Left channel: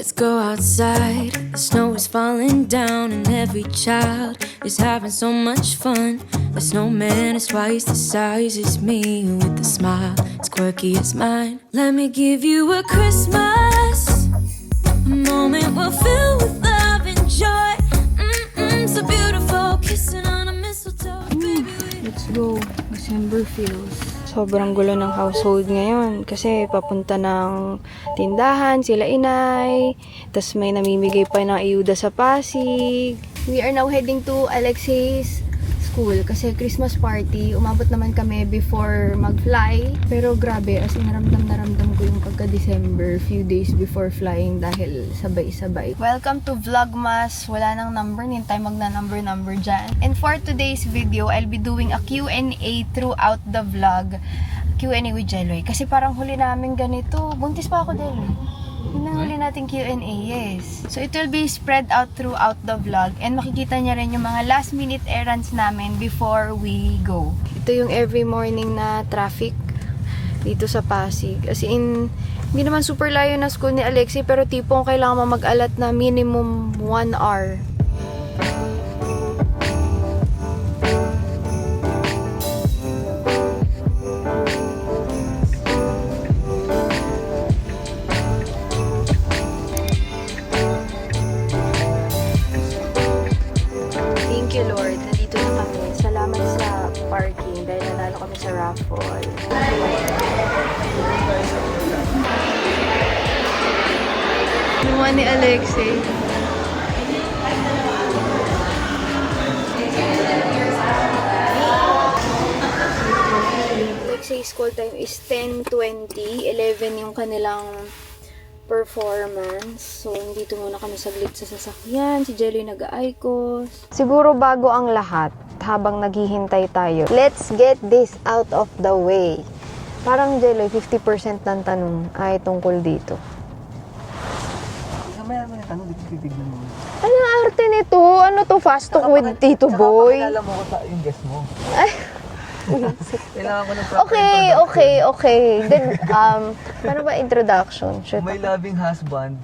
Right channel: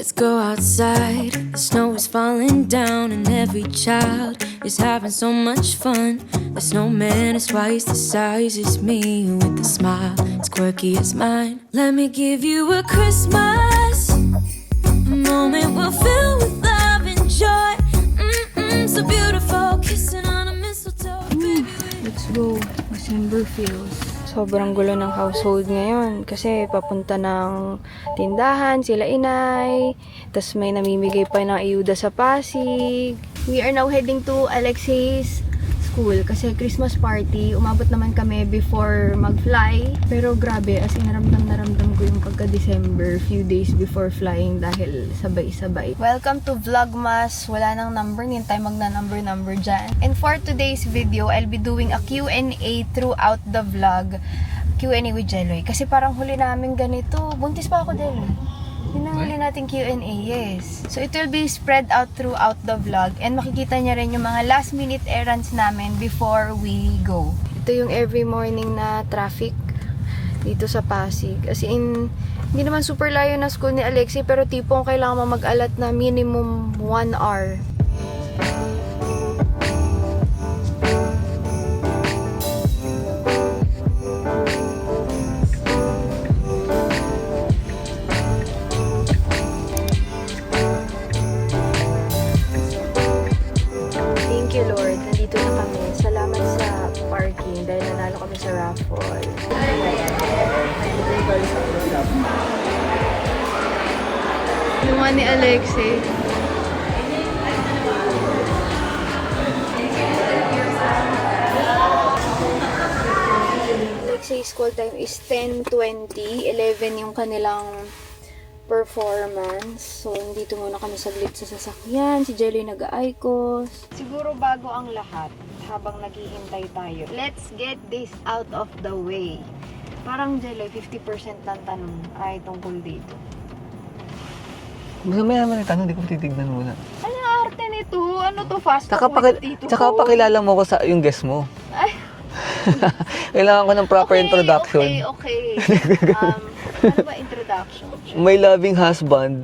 Let's go outside. The snow is falling down, and every child is having so much fun. The snowman is twice the size as me, with a smile as quirky as mine. Let me give you a Christmas, a moment we'll fill with love and joy. So beautiful, kissing on a mistletoe. Baby, Let's go. December feels. Sobrang gulo ng household ngayon kasi papunta ng tindahan sila inay, tas may namimigay pa ng ayuda sa Pasig. We are now heading to Alexei's school kasi Christmas party. Umabot naman kami before mag-fly, pero grabe, as in naramdam ko yung pagka-December few days before flying dahil sabay-sabay. Welcome to Vlogmas. Wala nang number, hindi tayo magna-number dyan. And for today's video, I'll be doing a Q&A throughout the vlog. Q&A with Jeloy. Kasi parang huli namin ganito. Buntis pa ako, Jeloy. Yun ang huli natin Q&A, yes. So, it will be spread out throughout the vlog. And makikita niya rin yung mga last minute errands namin before we go. Ito yung every morning na traffic dito sa Pasig. As in, hindi naman super layo na school ni Alexei, pero tipong kailangan mo mag-alat na minimum 1 hour. Thank you, Lord. Nandito na kami. Salamat sa parking dahil nanalo kami sa raffle. Yung ni Alexei. Alexei school time is 10:20. 11 yung kanilang performance. So, dito muna kami saglit sa sasakyan. Si Jelly nag-aikos. Siguro bago ang lahat, habang naghihintay tayo, let's get this out of the way. Parang Jelly, 50% ng tanong ay tungkol dito. Gusto mo naman yung tanong, di ko titignan muna. Ano ang arte nito? Ano to? Fast talk with Tito Boy? Tsaka pakilala mo ko sa yung guest mo. Ay. Kailangan ko ng proper introduction. Okay. Ano ba introduction? My loving husband,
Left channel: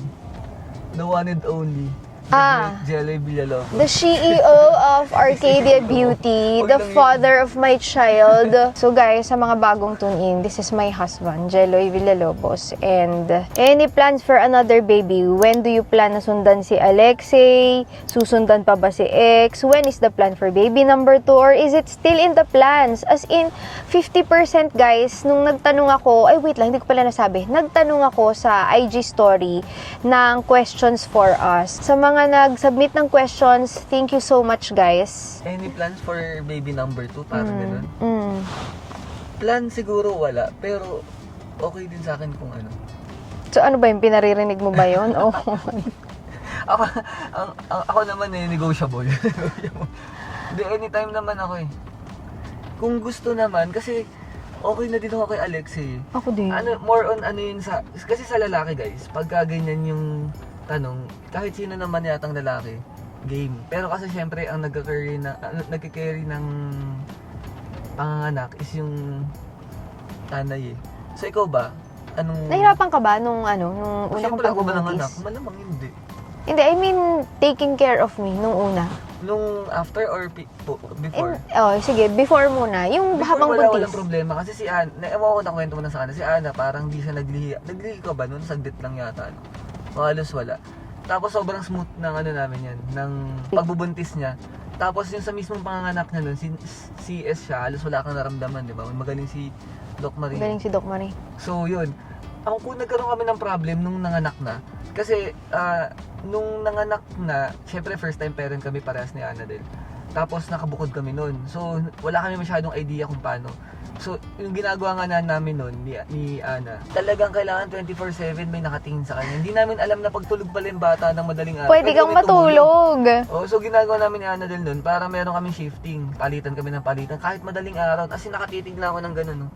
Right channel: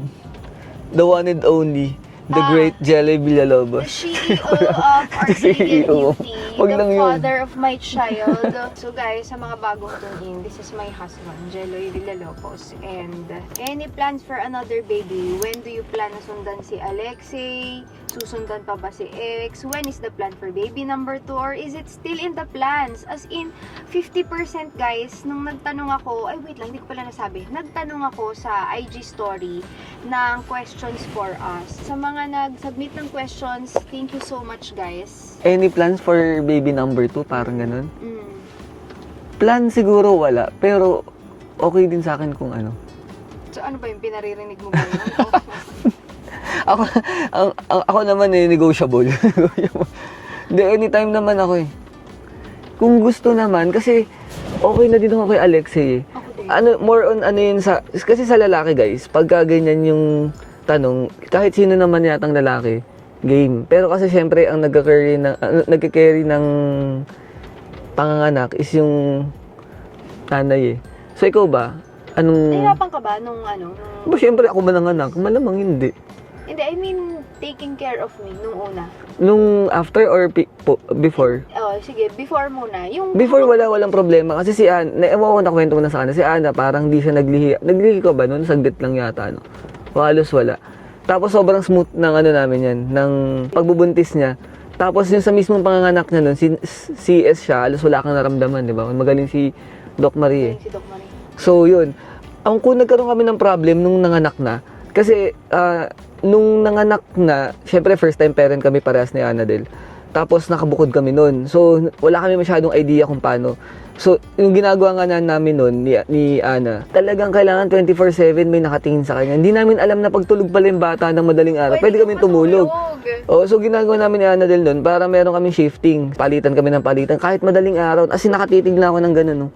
the one and only, the great Jelly Villalobos. The CEO of Arcadia Beauty, Huwag the lang yun. father of my child. So guys, sa mga bagong tune-in, this is my husband, Jeloy Villalobos. And any plans for another baby? When do you plan na sundan si Alexei? Susundan pa ba si X? When is the plan for baby number 2? Or is it still in the plans? As in, 50% guys, nung nagtanong ako, ay wait lang, hindi ko pala nasabi. Nagtanong ako sa IG story ng questions for us. Sa mga nag-submit ng questions, thank you so much guys. Any plans for baby number 2? Parang ganun. Plan siguro wala, pero okay din sa akin kung ano. So ano ba yung pinaririnig mo ba yun? Oh. Ako naman negotiable. Hindi, anytime naman ako eh. Kung gusto naman, kasi okay na din ako kay Alexei. Ako din. Ano, more on ano yun sa, kasi sa lalaki guys, pagka ganyan yung tanong, kahit sino naman yatang lalaki, game. Pero kasi syempre, ang nagka-carry ng panganganak is yung nanay eh. So ikaw ba? Anong... Nahirapan ka ba nung Syempre ako ba nanganak? Malamang hindi. Hindi, I mean, taking care of me nung una. Nung after or before? Sige, before muna. Yung Before habang walang problema. Kasi si Ana, ewan ko nakwento ko na sa kanya, si Ana parang di siya naglihi. Naglihi ko ba noon? Saglit lang yata, no? Halos wala. Tapos sobrang smooth ng ano namin yan, ng pagbubuntis niya. Tapos yung sa mismong panganganak niya noon, CS siya, halos wala kang naramdaman, di ba? Magaling si Doc Marie. Magaling si Doc Marie. So yun, kung nagkaroon kami ng problem nung nanganak na, kasi nung nanganak na, syempre first time parent kami parehas ni Anadel. Tapos nakabukod kami noon. So wala kami masyadong idea kung paano. So, yung ginagawa nga namin noon ni Ana, talagang kailangan 24/7 may nakatingin sa kanya. Hindi namin alam na pagtulog pala yung bata ng madaling araw. Pwede kang matulog. So ginagawa namin ni Ana del noon para meron kami shifting. Palitan kami ng palitan kahit madaling araw. As in, nakatitig lang ako ng gano'n, no?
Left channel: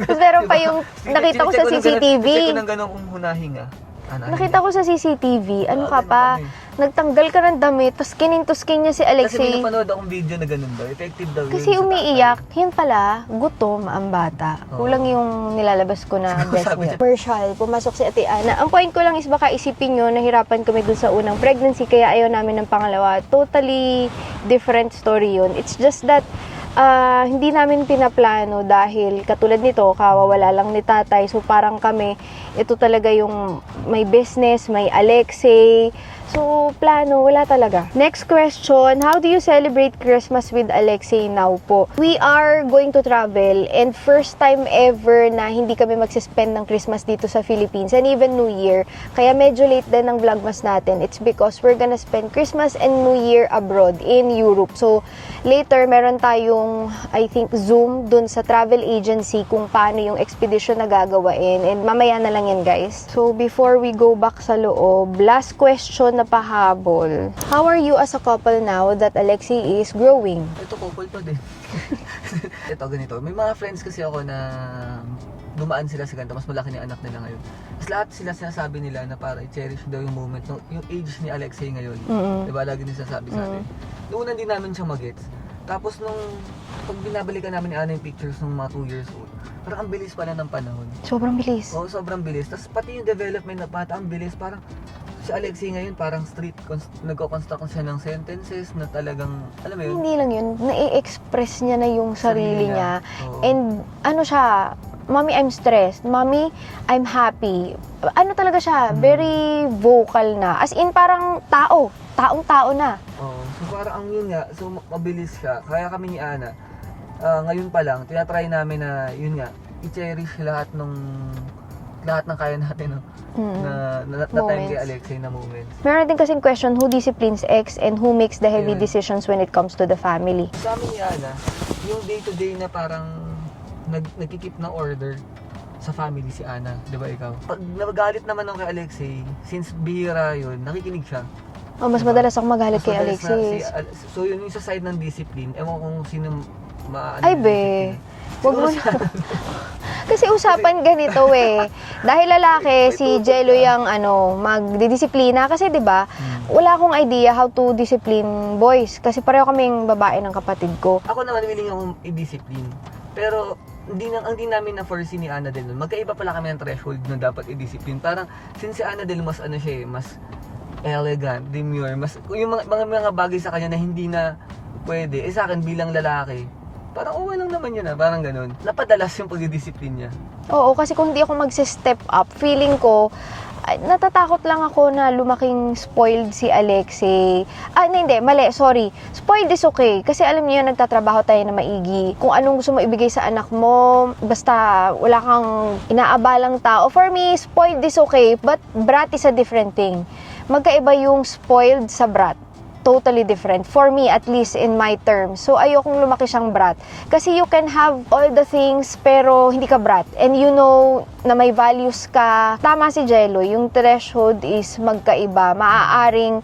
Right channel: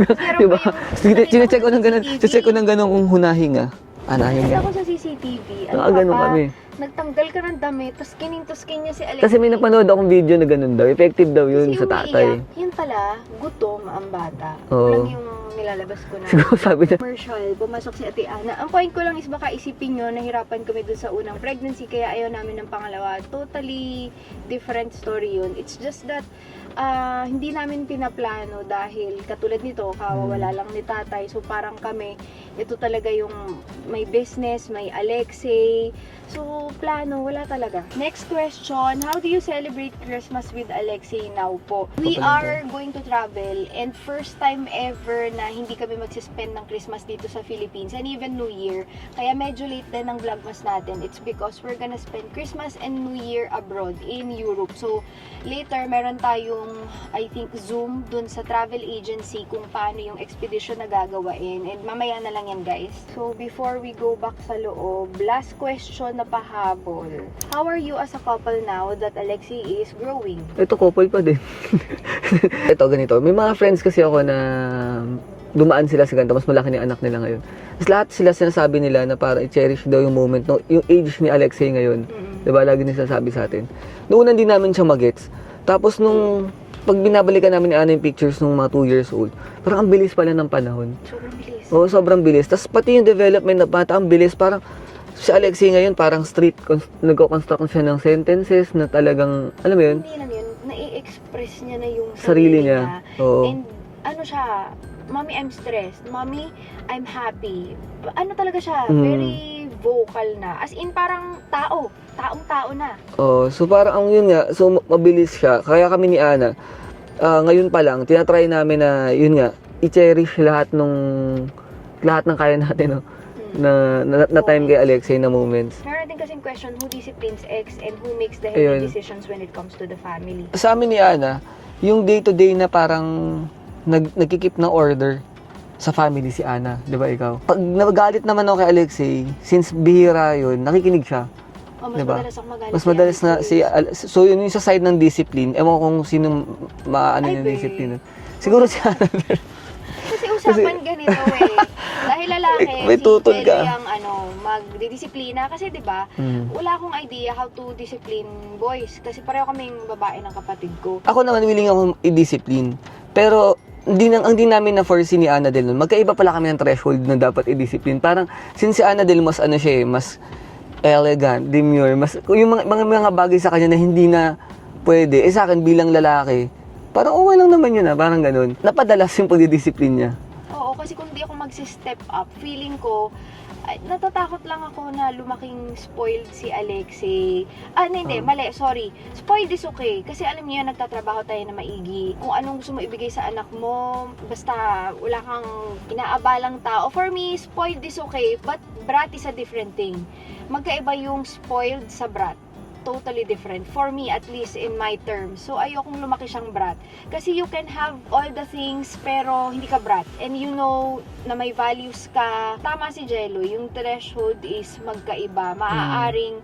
Meron pa yung nakita ko sa CCTV. Check ko ng gano'n kung hunahinga. Nakita ko sa CCTV, ano ka ganun pa, kami. nagtanggal ka ng damit, tapos kinintuskin niya si Kasi may Alexei. napanood akong video na ganun daw. Effective daw yun Kasi sa umiiyak, tatay. yun pala, gutom ang bata. Oo. Kulang yung nilalabas ko na Sabi niya. commercial. Pumasok si Ate Ana. Ang point ko lang is baka isipin nyo, nahirapan kami dun sa unang pregnancy, kaya ayaw namin ng pangalawa. Totally different story yun. It's just that, hindi namin pinaplano dahil katulad nito, kawawala lang ni tatay. So parang kami, ito talaga yung may business, may Alexei. So, plano, wala talaga. Next question, how do you celebrate Christmas with Alexei now po? We are going to travel and first time ever na hindi kami magsispend ng Christmas dito sa Philippines and even New Year. Kaya medyo late din ang vlogmas natin. It's because we're gonna spend Christmas and New Year abroad in Europe. So, later, meron tayong, I think, Zoom dun sa travel agency kung paano yung expedition na gagawain. And mamaya na lang yan, guys. So, before we go back sa loob, last question na pahabol. How are you as a couple now that Alexei is growing? Ito, couple pa din. Ito, ganito. May mga friends kasi ako na dumaan sila sa ganito. Mas malaki ni anak nila ngayon. Mas lahat sila sinasabi nila na para i-cherish daw yung moment. No, yung age ni Alexei ngayon. Diba? Lagi nila sinasabi sa atin. Noon hindi namin siya magets. Tapos nung pag binabalikan namin ni Ana yung pictures nung mga 2 years old, parang ang bilis pala ng panahon. Sobrang bilis. Oo, sobrang bilis. Tapos pati yung development ng bata, ang bilis. Parang si Alexei ngayon, parang nagko-construct siya ng sentences na talagang, alam mo yun? Hindi lang yun, nai-express niya na yung sarili niya. Oo. And ano siya, Mommy, I'm stressed. Mommy, I'm happy. Ano talaga siya, very vocal na. As in, parang taong-tao na. Oh, so parang ang yun nga, so mabilis siya. Kaya kami ni Ana, ngayon pa lang, tinatry namin na, yun nga, i-cherish lahat ng kaya natin, no? na time kay Alexei na moments. Meron din kasing question, who disciplines X and who makes the heavy Ayun. decisions when it comes to the family? Sa amin ni Ana, yung day-to-day na parang nagkikip ng order sa family si Ana, di ba ikaw? Pag nagalit naman ako kay Alexei, since bihira yun, nakikinig siya. Oh, mas Diba? madalas akong magalit Mas kay madalas Alexei. so yun yung sa side ng discipline. Ewan ko kung sino maano Ay, yung be. discipline. Siguro Wag si mo- Ana. Kasi usapan ganito eh. Dahil lalaki, May si tutol Jello ka. yung magdidisiplina. Kasi 'di ba wala akong idea how to discipline boys. Kasi pareho kaming babae ng kapatid ko. Ako naman willing akong i-discipline. Pero hindi namin na-foresee ni Ana Del nun. Magkaiba pala kami ng threshold na dapat i-discipline. Parang since si Ana Del mas ano siya mas elegant, demure, mas yung mga bagay sa kanya na hindi na pwede. Sa akin bilang lalaki, parang okay lang naman yun parang ganun. Napadalas yung pagdidisiplin niya. Oo, kasi kung hindi ako magse-step up, feeling ko, natatakot lang ako na lumaking spoiled si Alexei. Hindi, mali, sorry. Spoiled is okay. Kasi alam niyo yun, nagtatrabaho tayo na maigi. Kung anong gusto mo ibigay sa anak mo, basta wala kang inaabalang tao. For me, spoiled is okay, but brat is a different thing. Magkaiba yung spoiled sa brat. Totally different. For me, at least in my terms. So, ayokong lumaki siyang brat. Kasi you can have all the things, pero hindi ka brat. And you know na may values ka. Tama si Jello, yung threshold is magkaiba. Maaaring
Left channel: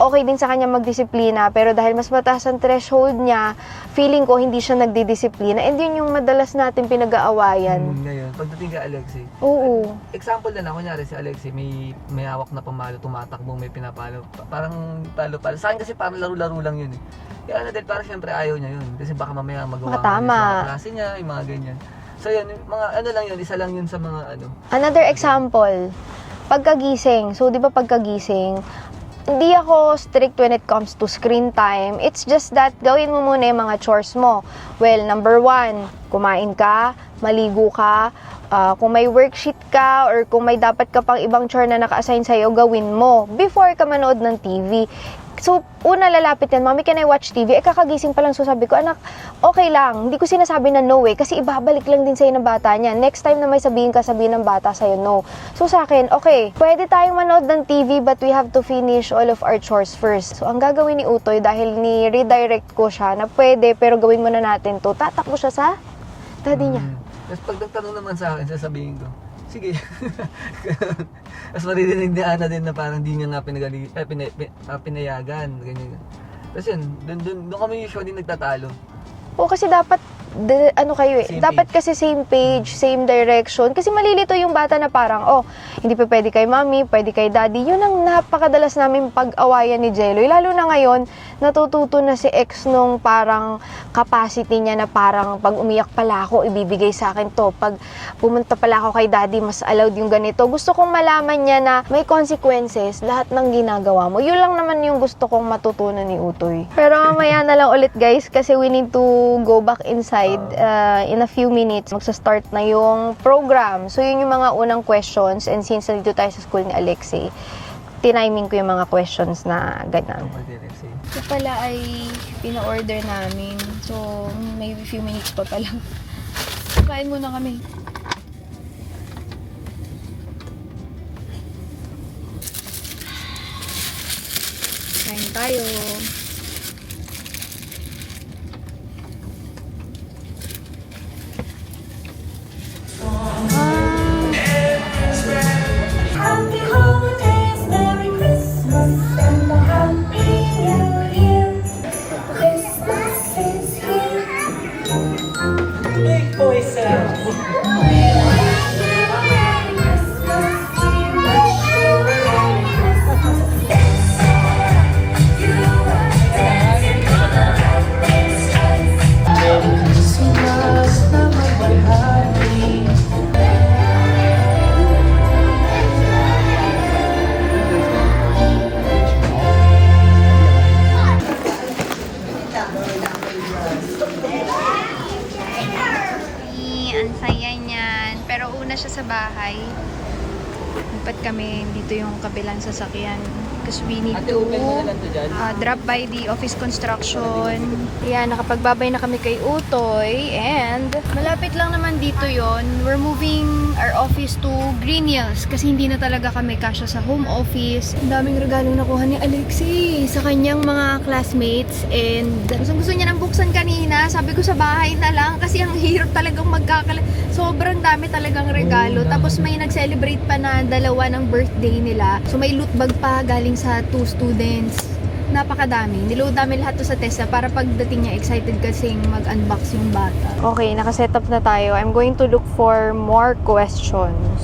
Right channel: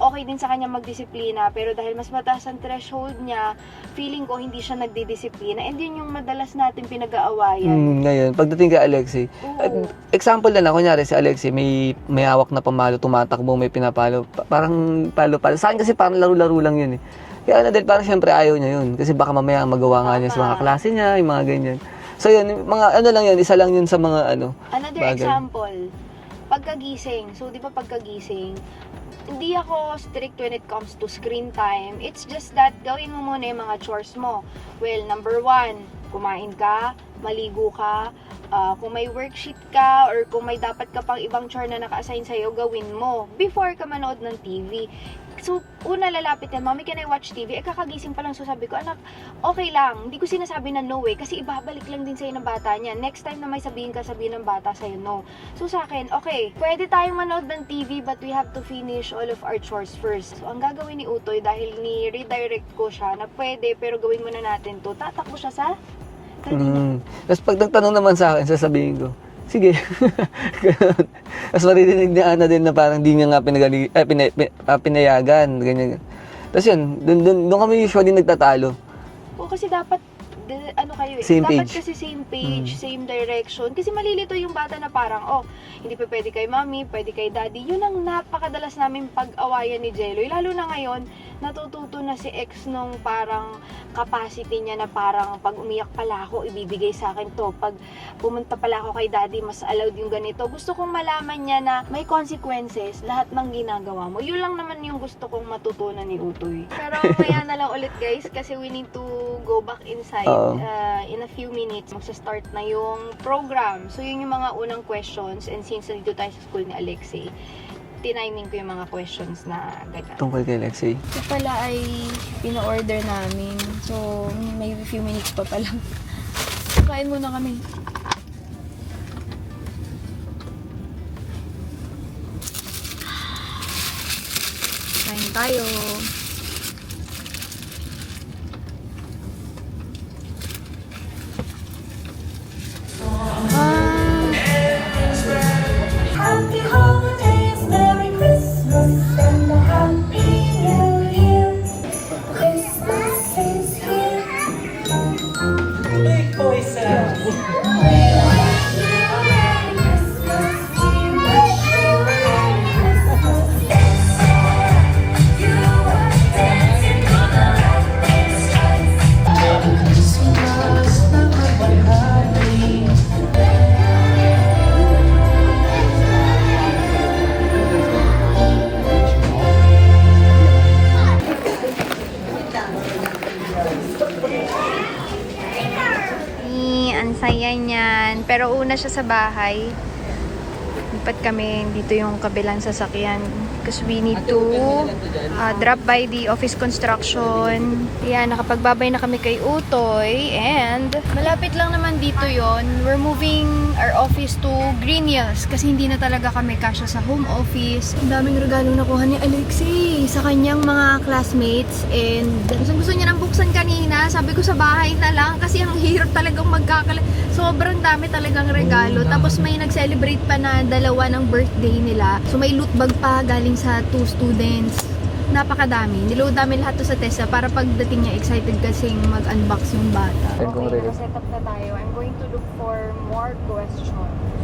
okay din sa kanya magdisiplina, pero dahil mas mataas ang threshold niya, feeling ko hindi siya nagdidisiplina. And yun yung madalas natin pinag-aawayan. Ngayon, pagdating kay Alexei, Oo. example na lang, kunyari si Alexei, may hawak na pamalo, tumatakbo, may pinapalo, parang palo-palo. Sa akin kasi parang laro-laro lang yun eh. Kaya Ana Del, parang syempre ayaw niya yun. Kasi baka mamaya magawa nga niya sa mga klase niya, yung mga ganyan. So yun, mga ano lang yun, isa lang yun sa mga ano. Another bagay. example, pagkagising. So, di ba pagkagising, hindi ako strict when it comes to screen time. It's just that gawin mo muna yung mga chores mo. Well, number 1, kumain ka, maligo ka, kung may worksheet ka or kung may dapat ka pang ibang chore na naka-assign sa'yo, gawin mo before ka manood ng TV. So, una lalapit yan, Mommy, can I watch TV? Kakagising pa lang, so sabi ko, anak, okay lang. Hindi ko sinasabi na no eh, kasi ibabalik lang din sa'yo ng bata niya. Next time na may sabihin ng bata sa'yo no. So sa akin, okay, pwede tayong manood ng TV, but we have to finish all of our chores first. So ang gagawin ni Utoy, dahil ni-redirect ko siya na pwede, pero gawin muna natin to, tatakbo siya sa daddy niya. Tapos pag nagtanong naman sa akin, sasabihin ko, sige. Ganun. Tapos maririnig ni Ana din na parang di niya nga pinayagan. Ganyan. Tapos yun, doon kami usually nagtatalo. O kasi dapat ano kayo eh. Same Dapat page. kasi same page, same direction. Kasi malilito yung bata na parang, oh, hindi pa pwede kay mommy, pwede kay daddy. Yun ang napakadalas namin pag-awayan ni Jeloy. Lalo na ngayon, natututo na si ex nung parang capacity niya na parang pag umiyak pala ako, ibibigay sa akin to. Pag pumunta pala ako kay daddy, mas allowed yung ganito. Gusto kong malaman niya na may consequences lahat ng ginagawa mo. Yun lang naman yung gusto kong matutunan ni Utoy. Pero mamaya na lang ulit guys kasi we need to go back inside in a few minutes. Magsa-start na yung program. So yun yung mga unang questions and since nandito tayo sa school ni Alexei, tiniming ko yung mga questions na ganyan. Tungkol kay Lexie. Ito pala ay pina-order namin. So may few minutes pa pala. Kain muna kami. Kain tayo. Happy holidays, Merry Christmas, and a Happy New Year. Christmas is here. Big boy sound. We wish you a Merry Christmas. We wish you a Merry Christmas. You are dancing on the happy skies. Christmas na magbahagi. Ang saya niyan. Pero una siya sa bahay. Lipat kami dito yung kabilang sasakyan. Because we need to drop by the office construction. Yan, nakapagbabay na kami kay Utoy. And malapit lang naman dito yon. We're moving our office to Green Hills. Kasi hindi na talaga kami kasya sa home office. Ang daming regalo nakuha ni Alexei sa kanyang mga classmates. And gusto niya nang buksan kanina. Sabi ko sa bahay na lang. Kasi ang hirap talagang sobrang dami talagang regalo. Tapos may nag-celebrate pa na dalawa ng birthday nila. So may loot bag pa galing sa 2 students. Napakadami. Niload namin lahat to sa Tessa para pagdating niya excited kasing mag-unbox yung bata. Okay, nakaset up na tayo. I'm going to look for more questions.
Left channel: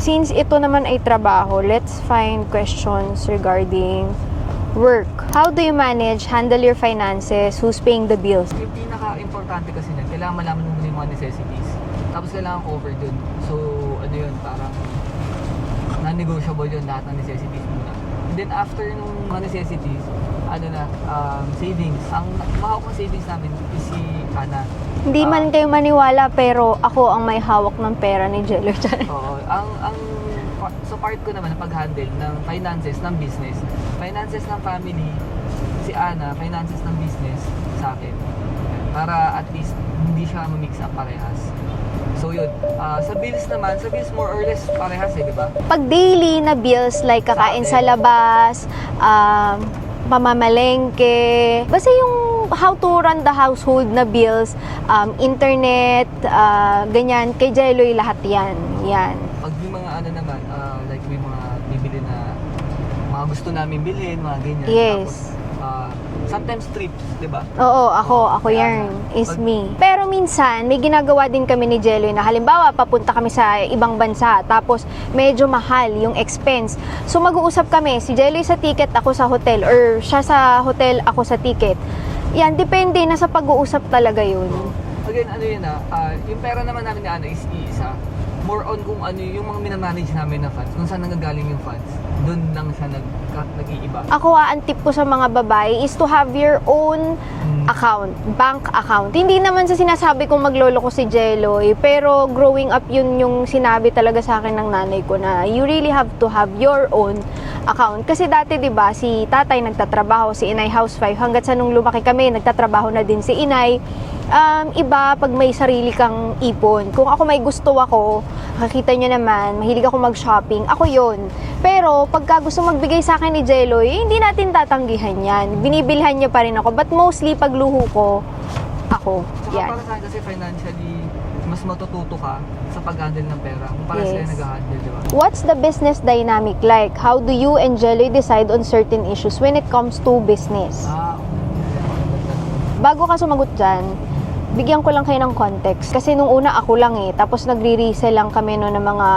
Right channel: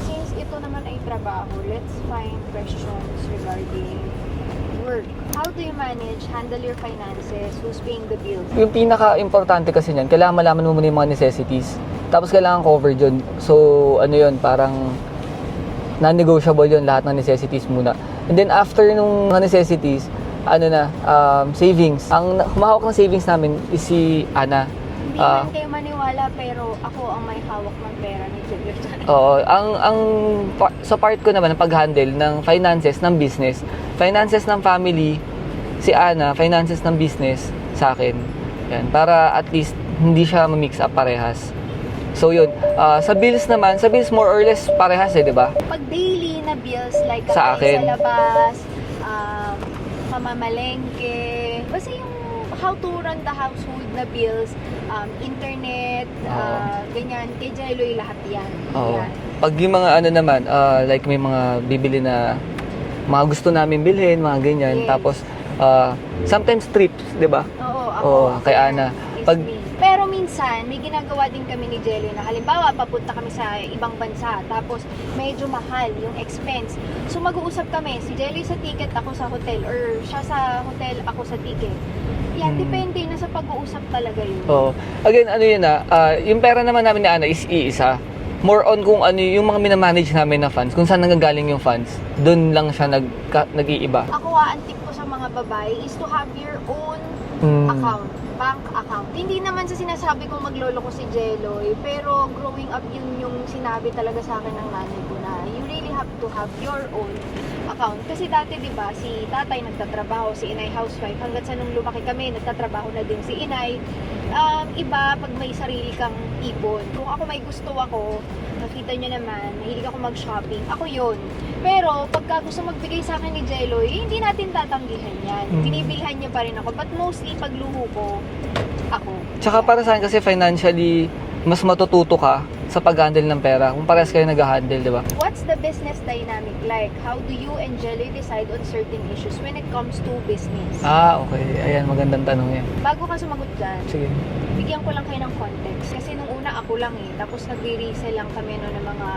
Since ito naman ay trabaho, let's find questions regarding work. How do you handle your finances? Who's paying the bills? Yung pinaka-importante kasi niyan, kailangan malaman mo muna yung mga necessities. Tapos kailangan covered yun. So, ano yun, parang non-negotiable yun, lahat ng necessities muna. And then after nung mga necessities, savings. Ang humahawak ng savings namin is si Ana. Hindi man kayo maniwala, pero ako ang may hawak ng pera ni Jello. Oo, sa part ko naman, ang pag-handle ng finances ng business, finances ng family, si Ana, finances ng business sa akin. Yan, para at least hindi siya ma-mix up parehas. So yun, sa bills more or less parehas di ba? Pag daily na bills like Sa kakain akin. sa labas, pamamalengke, basta yung how to run the household na bills, internet, ganyan, kay Jeloy lahat yan. Oo. Yan. Pag yung mga like may mga bibili na mga gusto namin bilhin, mga ganyan. Yes. Tapos, sometimes trips, di ba? Oo, ako kaya yan, na. is me. Pero minsan, may ginagawa din kami ni Jeloy na halimbawa, papunta kami sa ibang bansa, tapos medyo mahal yung expense. So mag-uusap kami, si Jeloy sa ticket, ako sa hotel, or siya sa hotel, ako sa ticket. Yan, depende, nasa pag-uusap talaga yun. Oo. Again, yung pera naman namin ni Ana is iisa. More on kung ano yung mga minamanage namin na funds, kung saan nanggagaling yung funds, doon lang siya nag-iiba. Ako ang tip ko sa mga babae is to have your own account, bank account. Hindi naman sa sinasabi kong maglolo ko si Jeloy, pero growing up yun yung sinabi talaga sa akin ng nanay ko na you really have to have your own account. Kasi dati 'di ba si tatay nagtatrabaho, si inay housewife, hanggat sa nung lumaki kami nagtatrabaho na din si inay. Iba pag may sarili kang ipon. Kung ako may gusto ako, nakikita nyo naman, mahilig ako mag-shopping, ako yon. Pero pagka gusto magbigay sa akin ni Jeloy, hindi natin tatanggihan yan. Binibilhan niya pa rin ako. But mostly pagluho ko, ako. Tsaka Yan. para sa akin kasi financially, mas matututo ka sa pag-handle ng pera. Kung parehas kayo nag-handle, di ba? What's the business dynamic like? How do you and Jelly decide on certain issues when it comes to business? Okay. Ayan, magandang tanong yan. Bago ka sumagot dyan, Sige. bigyan ko lang kayo ng context. Kasi nung una ako lang tapos nagre-resell lang kami no ng mga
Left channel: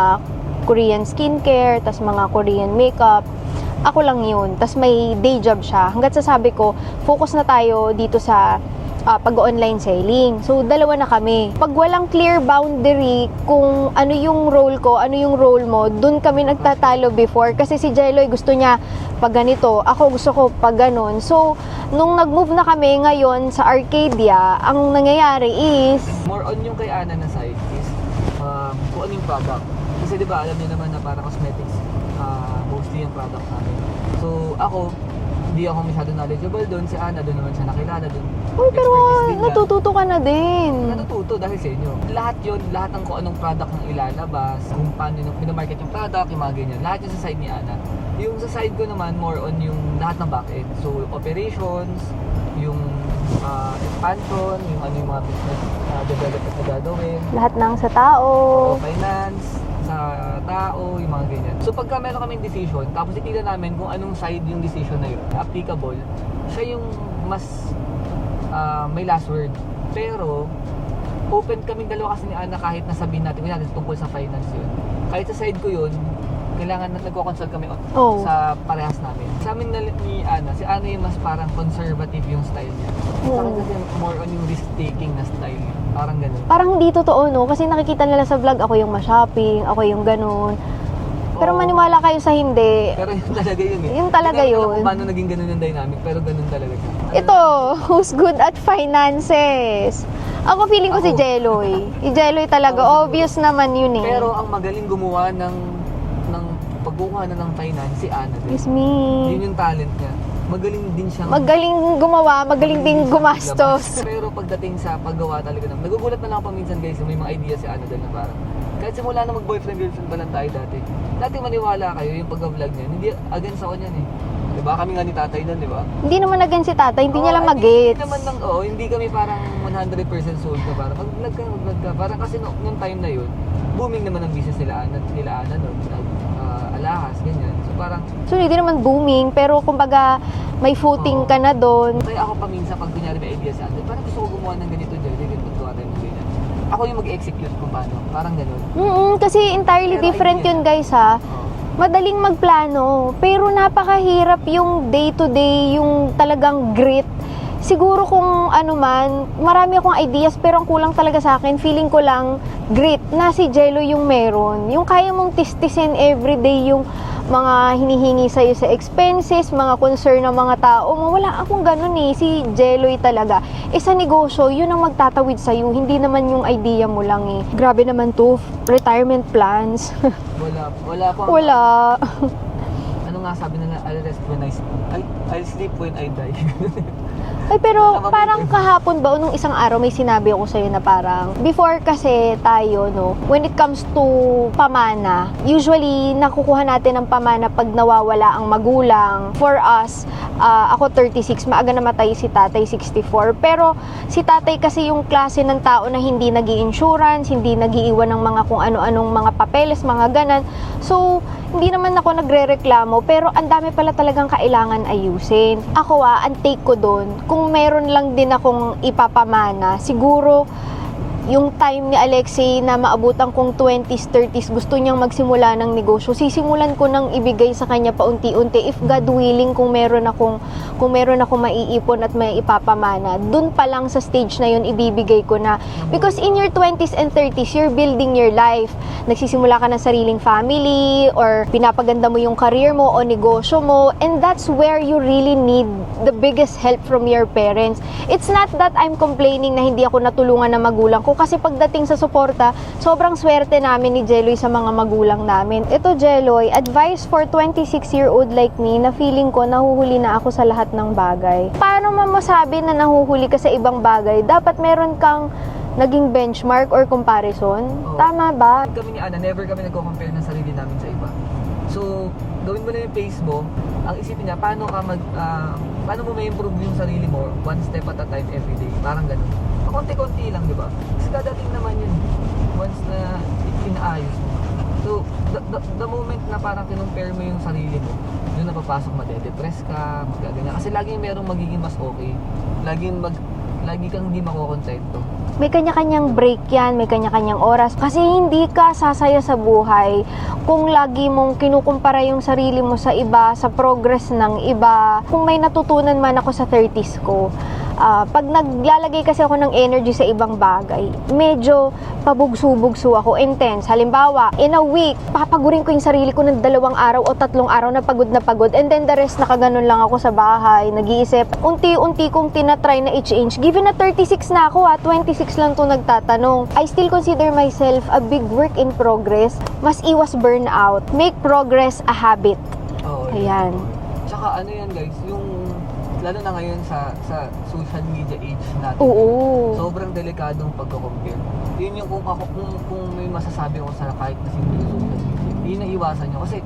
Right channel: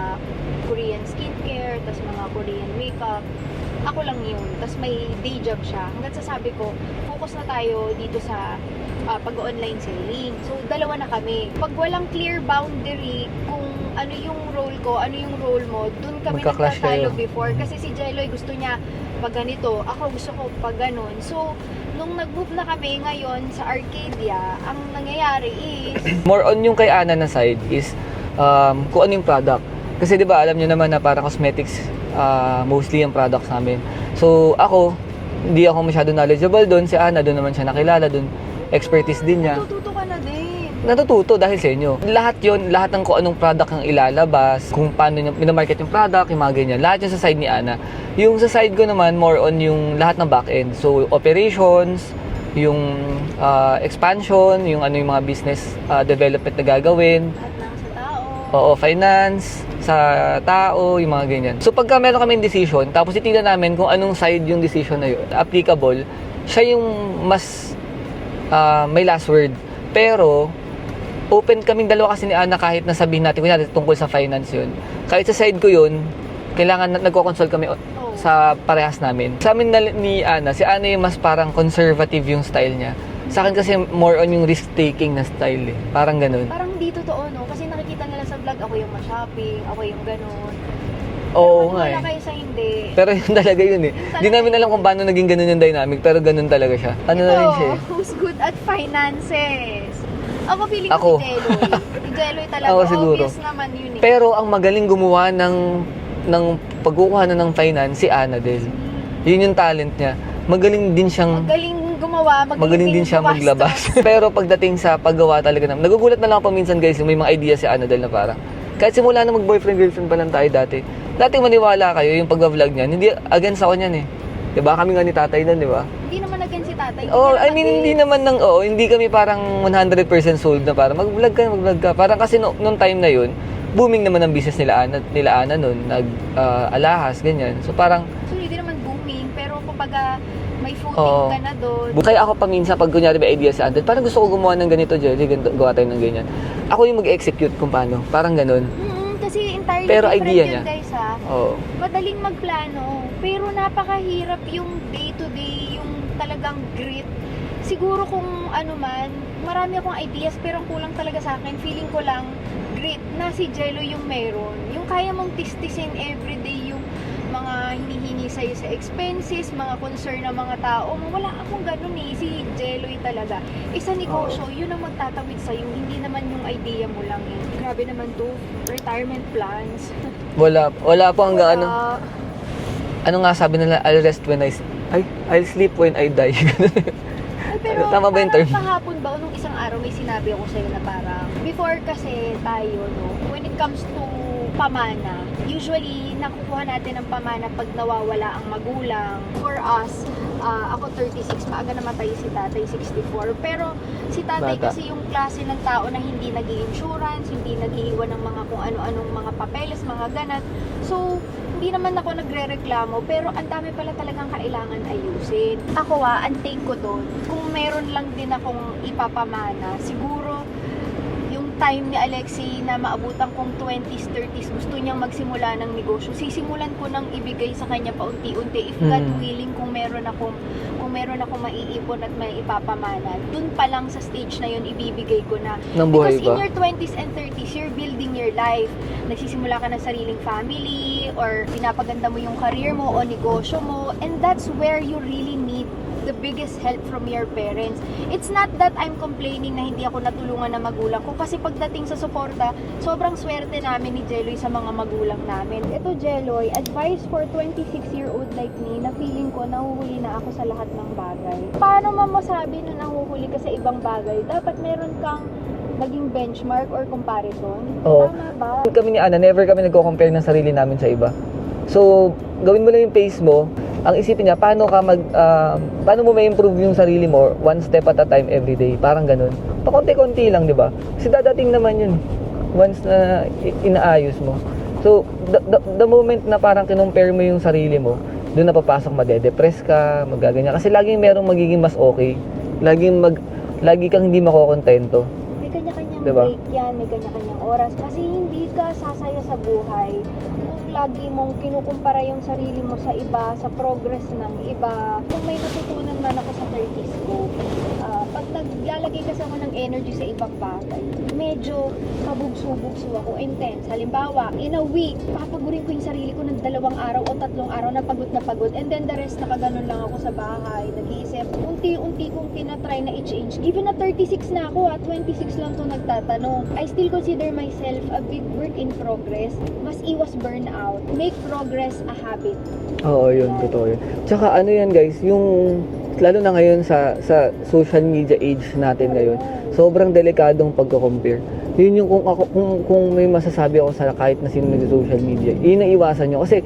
Korean skincare, tapos mga Korean makeup. Ako lang yun. Tapos may day job siya. Hanggat sasabi ko, focus na tayo dito sa pag-online selling. So, dalawa na kami. Pag walang clear boundary kung ano yung role ko, ano yung role mo, dun kami Magka-clash nagtatalo kayo. before. Kasi si Jeloy gusto niya pag ganito, ako gusto ko pag ganon. So, nung nag-move na kami ngayon sa Arcadia, ang nangyayari is, More on yung kay Ana na side is kung ano yung product. Kasi di ba alam niyo naman na parang cosmetics mostly yung product namin. So ako, hindi ako masyado knowledgeable doon. Si Ana doon naman siya nakilala doon. Expertise din niya. natututo ka na din. Natututo dahil sa inyo. Lahat yon, lahat ng kung anong product ang ilalabas, kung paano yung pinamarket yung product, yung mga ganyan. Lahat yun sa side ni Ana. Yung sa side ko naman, more on yung lahat ng back-end. So, operations, yung expansion, yung ano yung mga business development na gagawin. Lahat ng sa tao. Oo, finance, sa tao, yung mga ganyan. So, pagka meron kami decision, tapos itignan namin kung anong side yung decision na yun, applicable, siya yung mas may last word. Pero, open kaming dalawa kasi ni Ana kahit nasabihin natin, kunyari tungkol sa finance yun. Kahit sa side ko yun, kailangan nagko-consult kami sa parehas namin. Sa amin ni Ana, si Ana yung mas parang conservative yung style niya. Sa akin kasi more on yung risk-taking na style eh. Parang ganun. Parang hindi totoo, no? Kasi nakikita nila sa vlog, ako yung ma-shopping, ako yung ganun. Pero Oo, maniwala nga eh. kayo sa hindi. Pero yun talaga yun eh. Yung talaga Hindi namin alam yun. kung paano naging ganun yung dynamic, pero ganun talaga siya. Ano Ito, na rin siya eh. who's good at finances? Ako feeling ko si Ako. Jeloy. Si Jeloy talaga, Ako siguro. obvious naman yun eh. Pero ang magaling gumawa ng pagkukuha na ng finance, si Ana din. It's me. Yun yung talent niya. Magaling din siyang Magaling gumawa, magaling din siya gumastos. maglabas. Pero pagdating sa paggawa talaga naman, nagugulat na lang ako minsan guys, yung may mga idea si Ana dahil na parang, kahit simula na mag-boyfriend-girlfriend pa lang tayo dati, maniwala kayo yung pag-vlog niyan, hindi against ako niyan eh. Diba? Kami nga ni tatay nun, diba? Hindi naman again si tatay, hindi Oo, niya lang I mean, hindi mag-gets. naman hindi kami parang 100% sold na parang mag-vlog ka. Parang kasi nung time na yun, booming naman ang business nila Ana nun, alahas, ganyan. So parang, So, hindi naman booming, pero kumbaga, may footing Oo. ka na doon. kaya ako paminsan pag kunyari may idea sa Android, parang gusto ko gumawa ng ganito, Jelly, gawa tayo ng ganyan. Ako yung mag-execute kung paano, parang ganun. Kasi entirely Pero different idea yun niya. guys ha. Oo. Madaling magplano, pero napakahirap yung day-to-day, yung talagang grit. Siguro kung ano man, marami akong ideas pero ang kulang talaga sa akin, feeling ko lang grit na si Jello yung meron. Yung kaya mong tistisin everyday yung mga hinihingi sa'yo sa expenses, mga concern ng mga tao. Wala akong ganun eh. Si Jelloy talaga. Sa negosyo, yun ang magtatawid sa'yo. Hindi naman yung idea mo lang eh. Grabe naman to. Retirement plans. Wala po hanggang ano. Wala. Ano nga sabi nila, I'll sleep when I die. Ay, pero Tama ba yung parang term? kahapon ba, o nung isang araw, may sinabi ako sa'yo na parang, before kasi tayo, no, when it comes to pamana, usually, nakukuha natin ng pamana pag nawawala ang magulang. For us, ako 36, maaga namatay si tatay, 64. Pero si tatay Bata. kasi yung klase ng tao na hindi nag-i-insurance, hindi nag-iiwan ng mga kung ano-anong mga papeles, mga ganan. So, hindi naman ako nagre-reklamo, pero ang dami pala talagang kailangan ayusin. Ako ang take ko doon, kung mayroon lang din akong ipapamana, siguro yung time ni Alexei na maabutan kong 20s, 30s, gusto niyang magsimula ng negosyo, sisimulan ko nang ibigay sa kanya paunti-unti. If God willing, kung meron akong maiipon at may ipapamana, dun pa lang sa stage na yun, ibibigay ko na. Ng buhay Because in pa. your 20s and 30s, you're building your life. Nagsisimula ka ng sariling family, or pinapaganda mo yung career mo o negosyo mo, and that's where you really need the biggest help from your parents. It's not that I'm complaining na hindi ako natulungan ng magulang ko, kasi pagdating sa suporta, sobrang swerte namin ni Jeloy sa mga magulang namin. Ito, Jeloy, advice for 26-year-old like me na feeling ko nahuhuli na ako sa lahat ng bagay. Paano mo masabi na nahuhuli ka sa ibang bagay? Dapat meron kang naging benchmark or comparison. Oo. Tama ba? Kami ni Ana, never kami nagko-compare ng sarili namin sa iba. So, gawin mo lang yung pace mo. Ang isipin niya, paano mo may improve yung sarili mo one step at a time every day. Parang ganun. Pakonti-konti lang, di ba? Kasi dadating naman yun. once na inaayos mo. So, the moment na parang kinumpare mo yung sarili mo, doon na papasok, madedepress ka, magaganyan. Kasi laging merong magiging mas okay. Lagi kang hindi makokontento. May kanya-kanyang Diba? break yan, may kanya-kanyang oras. Kasi hindi ka sasaya sa buhay kung lagi mong kinukumpara yung sarili mo sa iba, sa progress ng iba. Kung may natutunan man ako sa 30s ko, pag naglalagay kasi ako ng energy sa ibang bagay, medyo pabugso-bugso ako, intense. Halimbawa, in a week, papagurin ko yung sarili ko ng 2 araw o 3 araw na pagod, and then the rest nakaganon lang ako sa bahay, nag-iisip. Unti-unti kong tinatry na i-change. Given na 36 na ako, 26 lang to nagtatanong. I still consider myself a big work in progress. Mas iwas burnout. Make progress a habit. Oo, yun. Ayan. Totoo yun. Tsaka ano yan guys, yung lalo na ngayon sa social media age natin Oo. ngayon, sobrang delikadong pagko-compare. Yun yung kung may masasabi ako sa kahit na sino sa social media, yun ang iwasan nyo. Kasi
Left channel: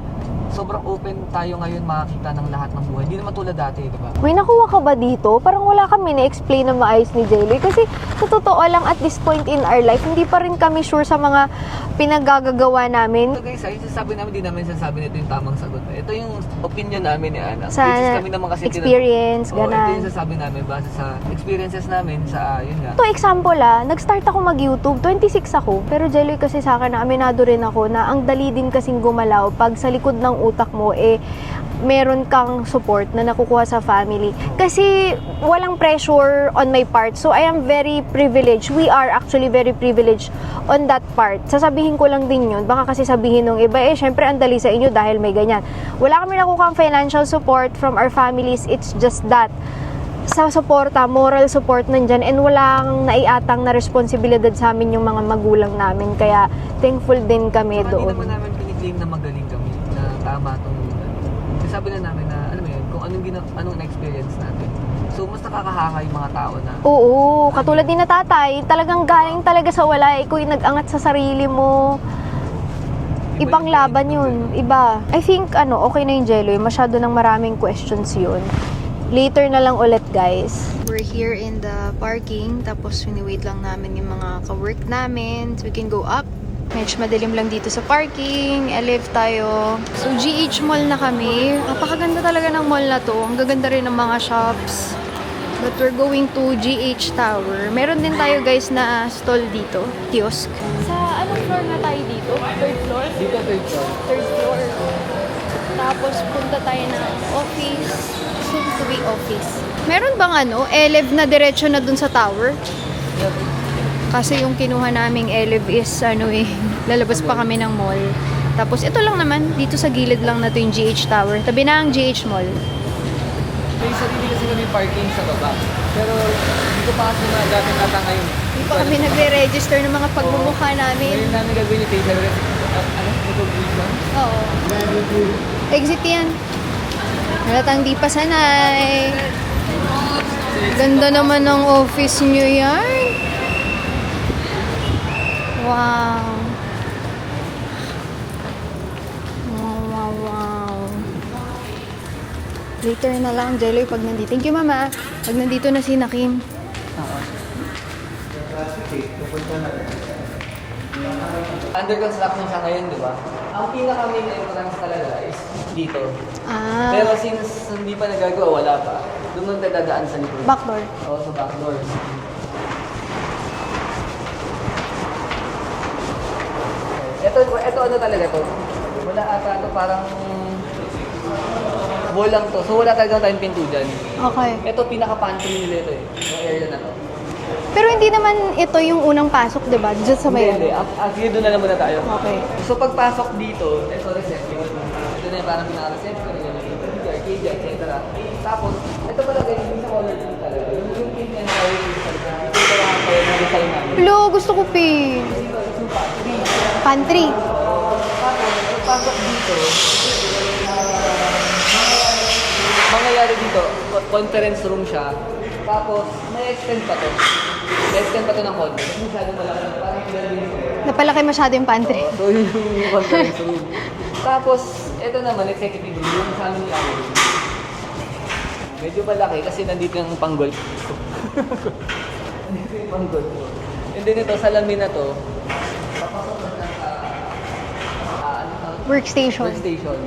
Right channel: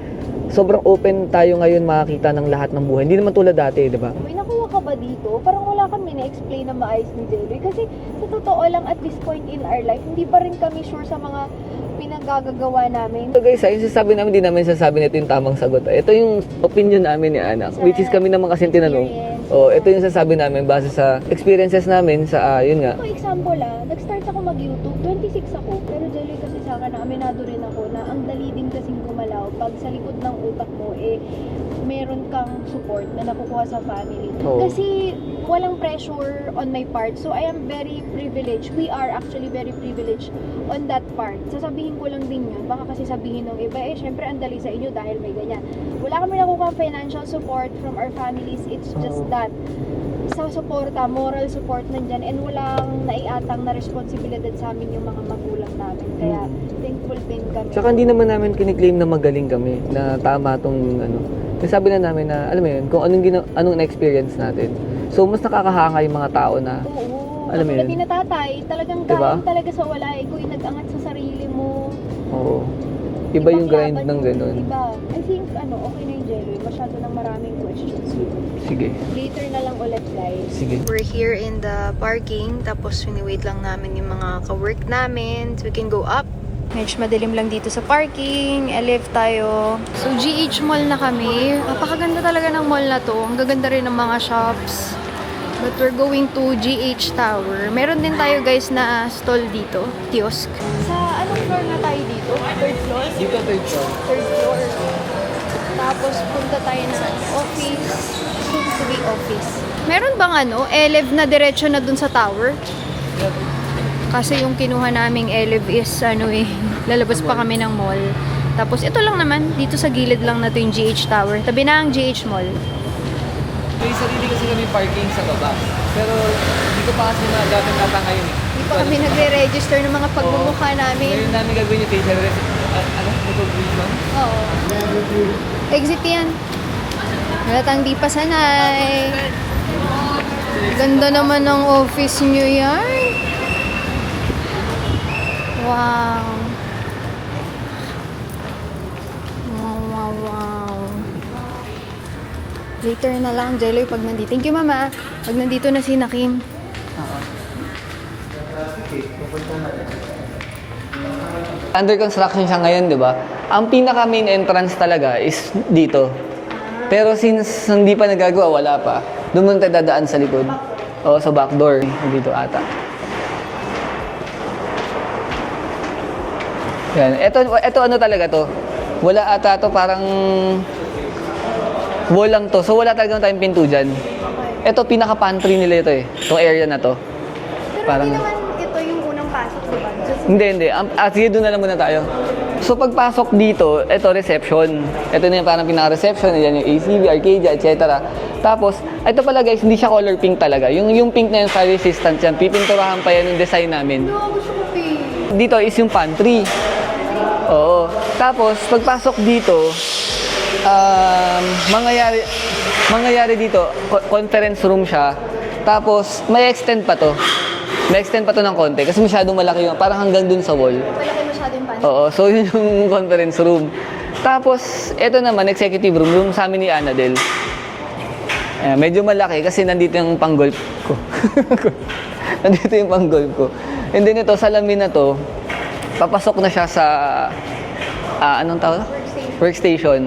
sobrang open tayo ngayon makakita ng lahat ng buhay. Hindi naman tulad dati, di ba? May nakuha ka ba dito? Parang wala kami na-explain na maayos ni Jelly. Kasi sa totoo lang, at this point in our life, hindi pa rin kami sure sa mga pinagagagawa namin. So guys, yung sasabi namin, di namin sasabi na ito yung tamang sagot. Ito yung opinion namin ni Ana. Sa Which is kami naman kasi experience, tinanong. ganun. Ito yung sasabi namin base sa experiences namin sa, yun nga. Ito, example nag-start ako mag-YouTube, 26 ako. Pero Jelly kasi sa akin, aminado rin ako na ang dali din kasing gumalaw pag sa likod ng utak mo, meron kang support na nakukuha sa family. Oo. Kasi walang pressure on my part. So I am very privileged. We are actually very privileged on that part. Sasabihin ko lang din yun. Baka kasi sabihin ng iba, syempre ang dali sa inyo dahil may ganyan. Wala kami nakukuha financial support from our families. It's just that sa suporta, moral support nandyan, and walang naiatang na responsibilidad sa amin yung mga magulang namin. Kaya thankful din kami Saka hindi doon. naman namin kiniklaim na magaling kami, na tama itong ano. Sabi na namin na, alam mo yun, kung anong na-experience natin. So, mas nakakahanga yung mga tao na, Oo, Ano katulad yun? din na tatay, talagang Diba? galing talaga sa wala. Ikaw yung nag-angat sa sarili mo. oo. Iba yung Ipanglaban grind ng yun. ganun. Iba. I think, okay na yung Jello. Masyado ng maraming questions yun. Sige. Later na lang ulit, guys. We're here in the parking. Tapos, wait lang namin yung mga ka-work namin. So, we can go up. Medyo madilim lang dito sa parking. Live tayo. So, GH Mall na kami. Napakaganda talaga ng mall na to. Ang gaganda rin ng mga shops. But we're going to GH Tower. Meron din tayo, guys, na stall dito. Kiosk. Sa anong floor na tayo dito? Third floor? Dito, Third floor. Tapos, punta tayo ng office. Soon to be office. Meron bang elev na diretso na dun sa tower? Kasi yung kinuha naming elev is lalabas pa kami ng mall. Tapos ito lang naman, dito sa gilid lang na to yung GH Tower. Tabi na ang GH Mall. May sarili kasi kami parking sa baba. Pero, dito pa kasi na dati ata ngayon eh. Hindi pa kami nagre-register ng mga pagmumukha namin. Ngayon namin gagawin yung facial ano? Recognition? Oo. Exit yan. Halatang di pa sanay. Ganda naman ng office nyo yan. Wow. Wow. Later na lang, Jello, pag nandito. Thank you, Mama. Pag nandito na si Nakim. Oo. Under construction siya ngayon, di ba? Ang pinaka main entrance talaga is dito. Ah, Pero since hindi pa nagagawa, wala pa. Doon tayo dadaan sa likod. backdoor. Oo, sa back door. Dito ata. Yan. Ito ano talaga to? Wala ata to, parang wall lang to. So wala talaga tayong pinto dyan. Okay. Ito, pinaka-pantry nila ito eh. Itong area na to. Pero hindi Parang- naman ito yung unang pasok, di ba? Diyan sa Hindi, may- hindi. Sige, doon na lang muna tayo. Okay. So pagpasok dito, ito reception. Ito na yung parang pinaka-reception. Yan yung ACV, Arcadia, etc. Tapos, ito pala guys, hindi siya color pink talaga. Yung pink na yung fire resistance yan. Pipinturahan pa yan yung design namin. Hello, gusto ko pink. Dito is yung pantry. Pantry. Oo. Tapos, pagpasok dito, mangyayari dito, conference room siya. Tapos, may extend pa to. May extend pa to ng konti kasi masyadong malaki yun. Parang hanggang dun sa wall. Napalaki masyado yung pantry. Oo, so yun yung conference room. Tapos, ito naman, executive room sa amin ni Annadel. Medyo malaki kasi nandito yung pang-golf ko. Nandito yung pang-golf ko. And then ito, salamin na to, papasok na siya sa, anong tawag? Workstation. Workstation.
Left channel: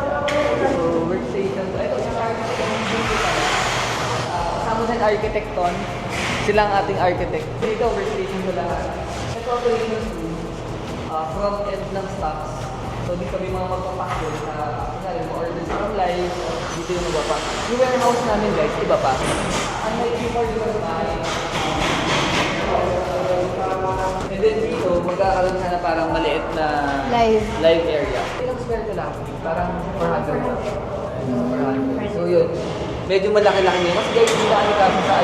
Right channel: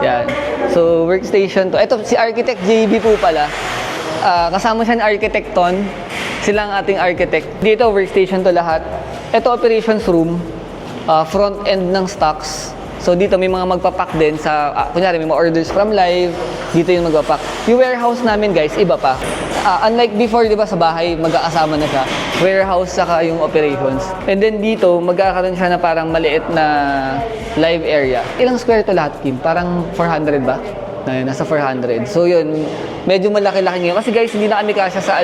Yan. So, workstation to. Ito, si Architect JB po pala. Kasama siya ni Architect Ton. Sila ang ating architect. Dito, workstation to lahat. Ito, operations room. Front end ng stocks. So, dito may mga magpapack din sa, kunyari, may mga orders from live. Dito yung magpapack. Yung warehouse namin, guys, iba pa. Unlike before, di ba, sa bahay, magkakasama na siya. Warehouse, saka yung operations. And then dito, magkakaroon siya na parang maliit na live area. Ilang square to lahat, Kim? Parang 400 ba? Nasa 400. So yun, medyo malaki-laki ngayon. Kasi guys, hindi na kami kasya sa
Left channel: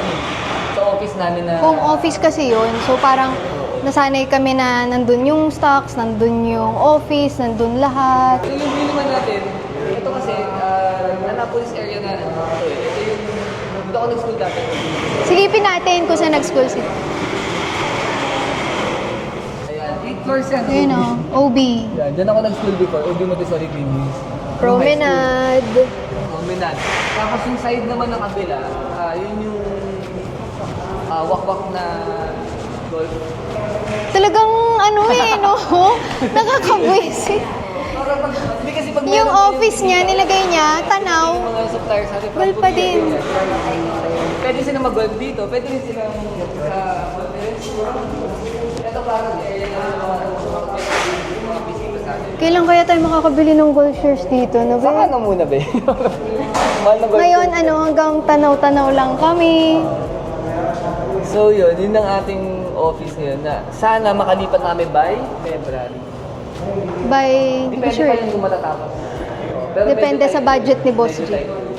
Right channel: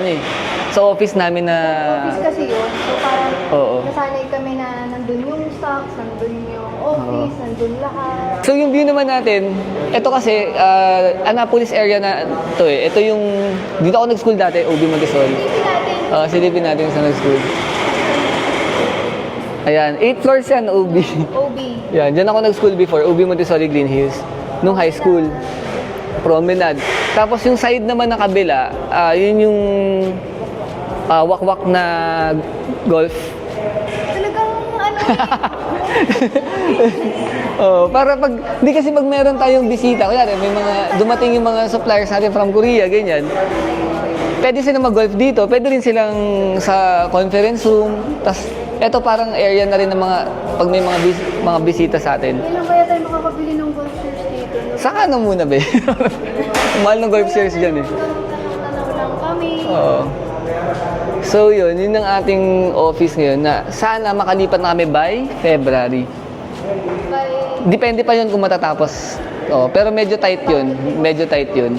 sa office namin na... Home office kasi yun. So parang Oo. nasanay kami na nandun yung stocks, nandun yung office, nandun lahat. So yung deal naman natin, ito kasi, Annapolis area na to eh. Ito yung, dito ako nag-school dati, OB Montessori. Silipin natin kung saan Silipin nag-school. natin sa nag-school. Ayan, 8 floors yan, Ayun OB. OB. Yan, dyan ako nag-school before, OB Montessori Green Hills. Nung high school. Promenade. Tapos yung side naman na kabila, yun yung wakwak na golf. Talagang ano no? Nakakabwisit. Para pag, di kasi pag Yung meron tayong office bisita, niya, nilagay may niya, mga- tanaw. dumating yung mga suppliers natin from Well, Korea, pwede. ganyan. Pwede sila mag-golf dito, pwede rin silang sa conference room. Tapos, eto parang area na rin ng mga, pag may mga bisita sa atin. Kailan kaya tayo makakabili ng golf shares dito? No? Saan muna, be? Mahal ng golf Ngayon, shares dyan. eh. hanggang tanaw-tanaw lang kami. Oo. So yun ang ating office ngayon na sana makalipat na kami by February. By... Depende sure. pa yun kung matatapos. Oo, pero medyo Depende tight sa budget yun. ni Boss Medyo Kim. tight yun.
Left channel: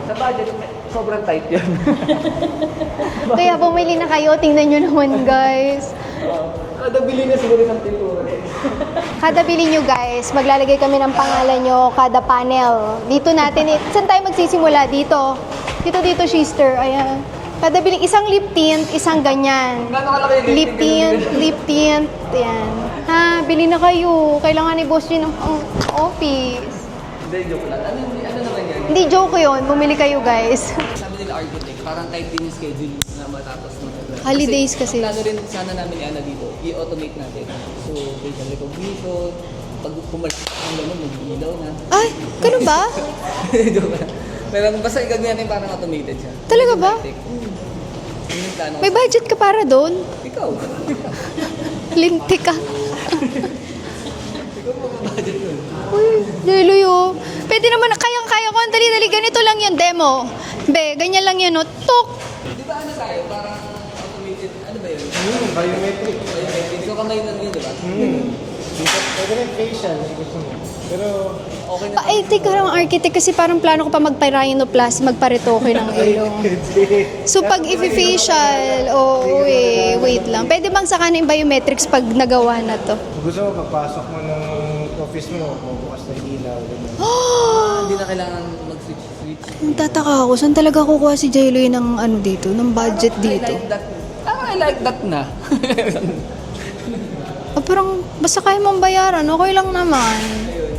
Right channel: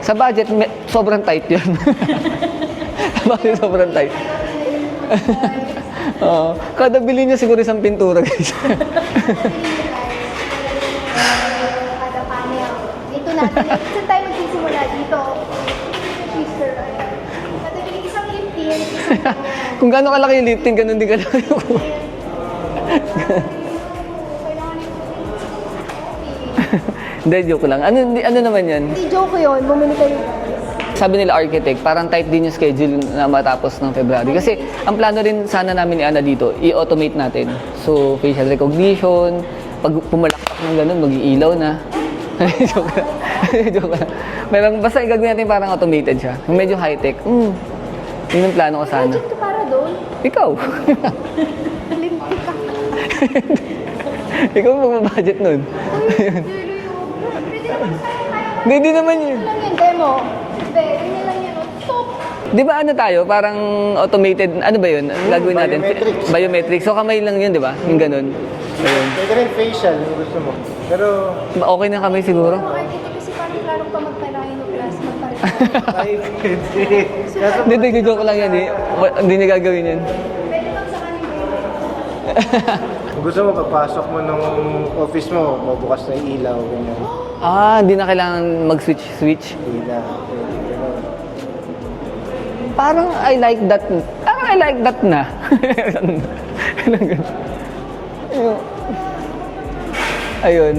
Sa budget, sobrang tight yun. Kaya bumili na kayo, tingnan nyo naman guys. Oo. Kada bili niya siguro isang pintura, guys. Kada bili nyo guys, maglalagay kami ng pangalan nyo, kada panel. Dito natin, saan tayo magsisimula? Dito. Dito, sister. Ayan. Kada bili, isang lip tint, isang ganyan. Kung gaano kalaki yung lifting, ganun din ganun. lip tint. Ayan. Bili na kayo. Kailangan ni boss nyo ng office. Hindi, joke lang. Ano naman yan? Hindi, joke yun. Bumili kayo guys. Sabi nila architect, parang tight din yung schedule na matapos ng February. Holidays kasi. Ang plano rin sana namin ni Ana dito, i-automate natin. So, facial recognition, pag pumalakpak ng ganun, mag-iilaw na. Ay, ganun ba? Meron, basta gagawin natin parang automated siya. Talaga Medyo ba? high-tech. Yun yung plano ko May sana. budget ka para doon? Ikaw. Linti ka. Ikaw mo budget nun. Luyo. Pwede naman, kayang-kaya ko. Hindi Dali, naman ganito lang yung demo. Be, ganyan lang yun, no? Tok! Di ba ano tayo, parang automated, ano ba yun? Lagawin natin. Biometric. So kamay lang yun, di ba? Yung ganun. Ayun. Pwede rin facial kung gusto mo. Pero, Okay na kami Ay, tika siguro. lang, architect, kasi parang plano ko pa magpa-rhinoplasty, magparetoke ng ilong. So pag Hindi, hindi ko i-facial, alam yun. Hindi niya gagawin yun. wait lang. Pwede bang saka na yung biometrics pag nagawa na to? kung gusto mo, pagpasok mo nung office mo, mabukas na yung ilaw. Hindi na kailangan mag-switch. Tataka ako, saan talaga kukuha si Jayloy ng ano dito, ng budget Parang I dito? like that. I like that na. Parang basta kaya mong bayaran, okay lang naman. Ayun.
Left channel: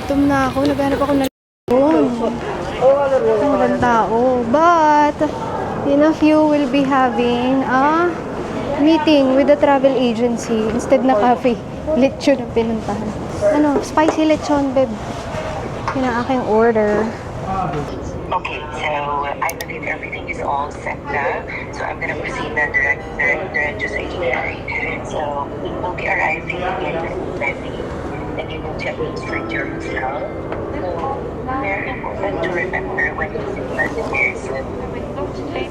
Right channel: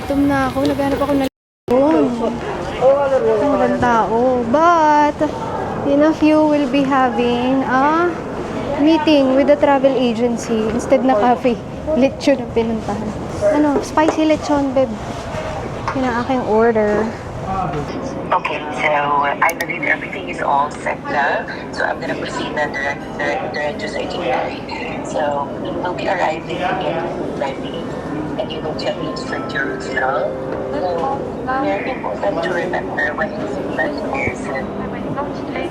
Gutom na ako, naghanap ako ng walang tao. But, in a few, we'll be having a meeting with the travel agency instead na cafe. Lechon ang pinuntahan. Ano, spicy lechon, babe. Yun ang aking order. Okay, so I believe everything is all set now. So I'm gonna proceed na direct to sa itinerary. So we will be arriving in Levy, and you will check in straight to your hotel. So very important to remember when you visit is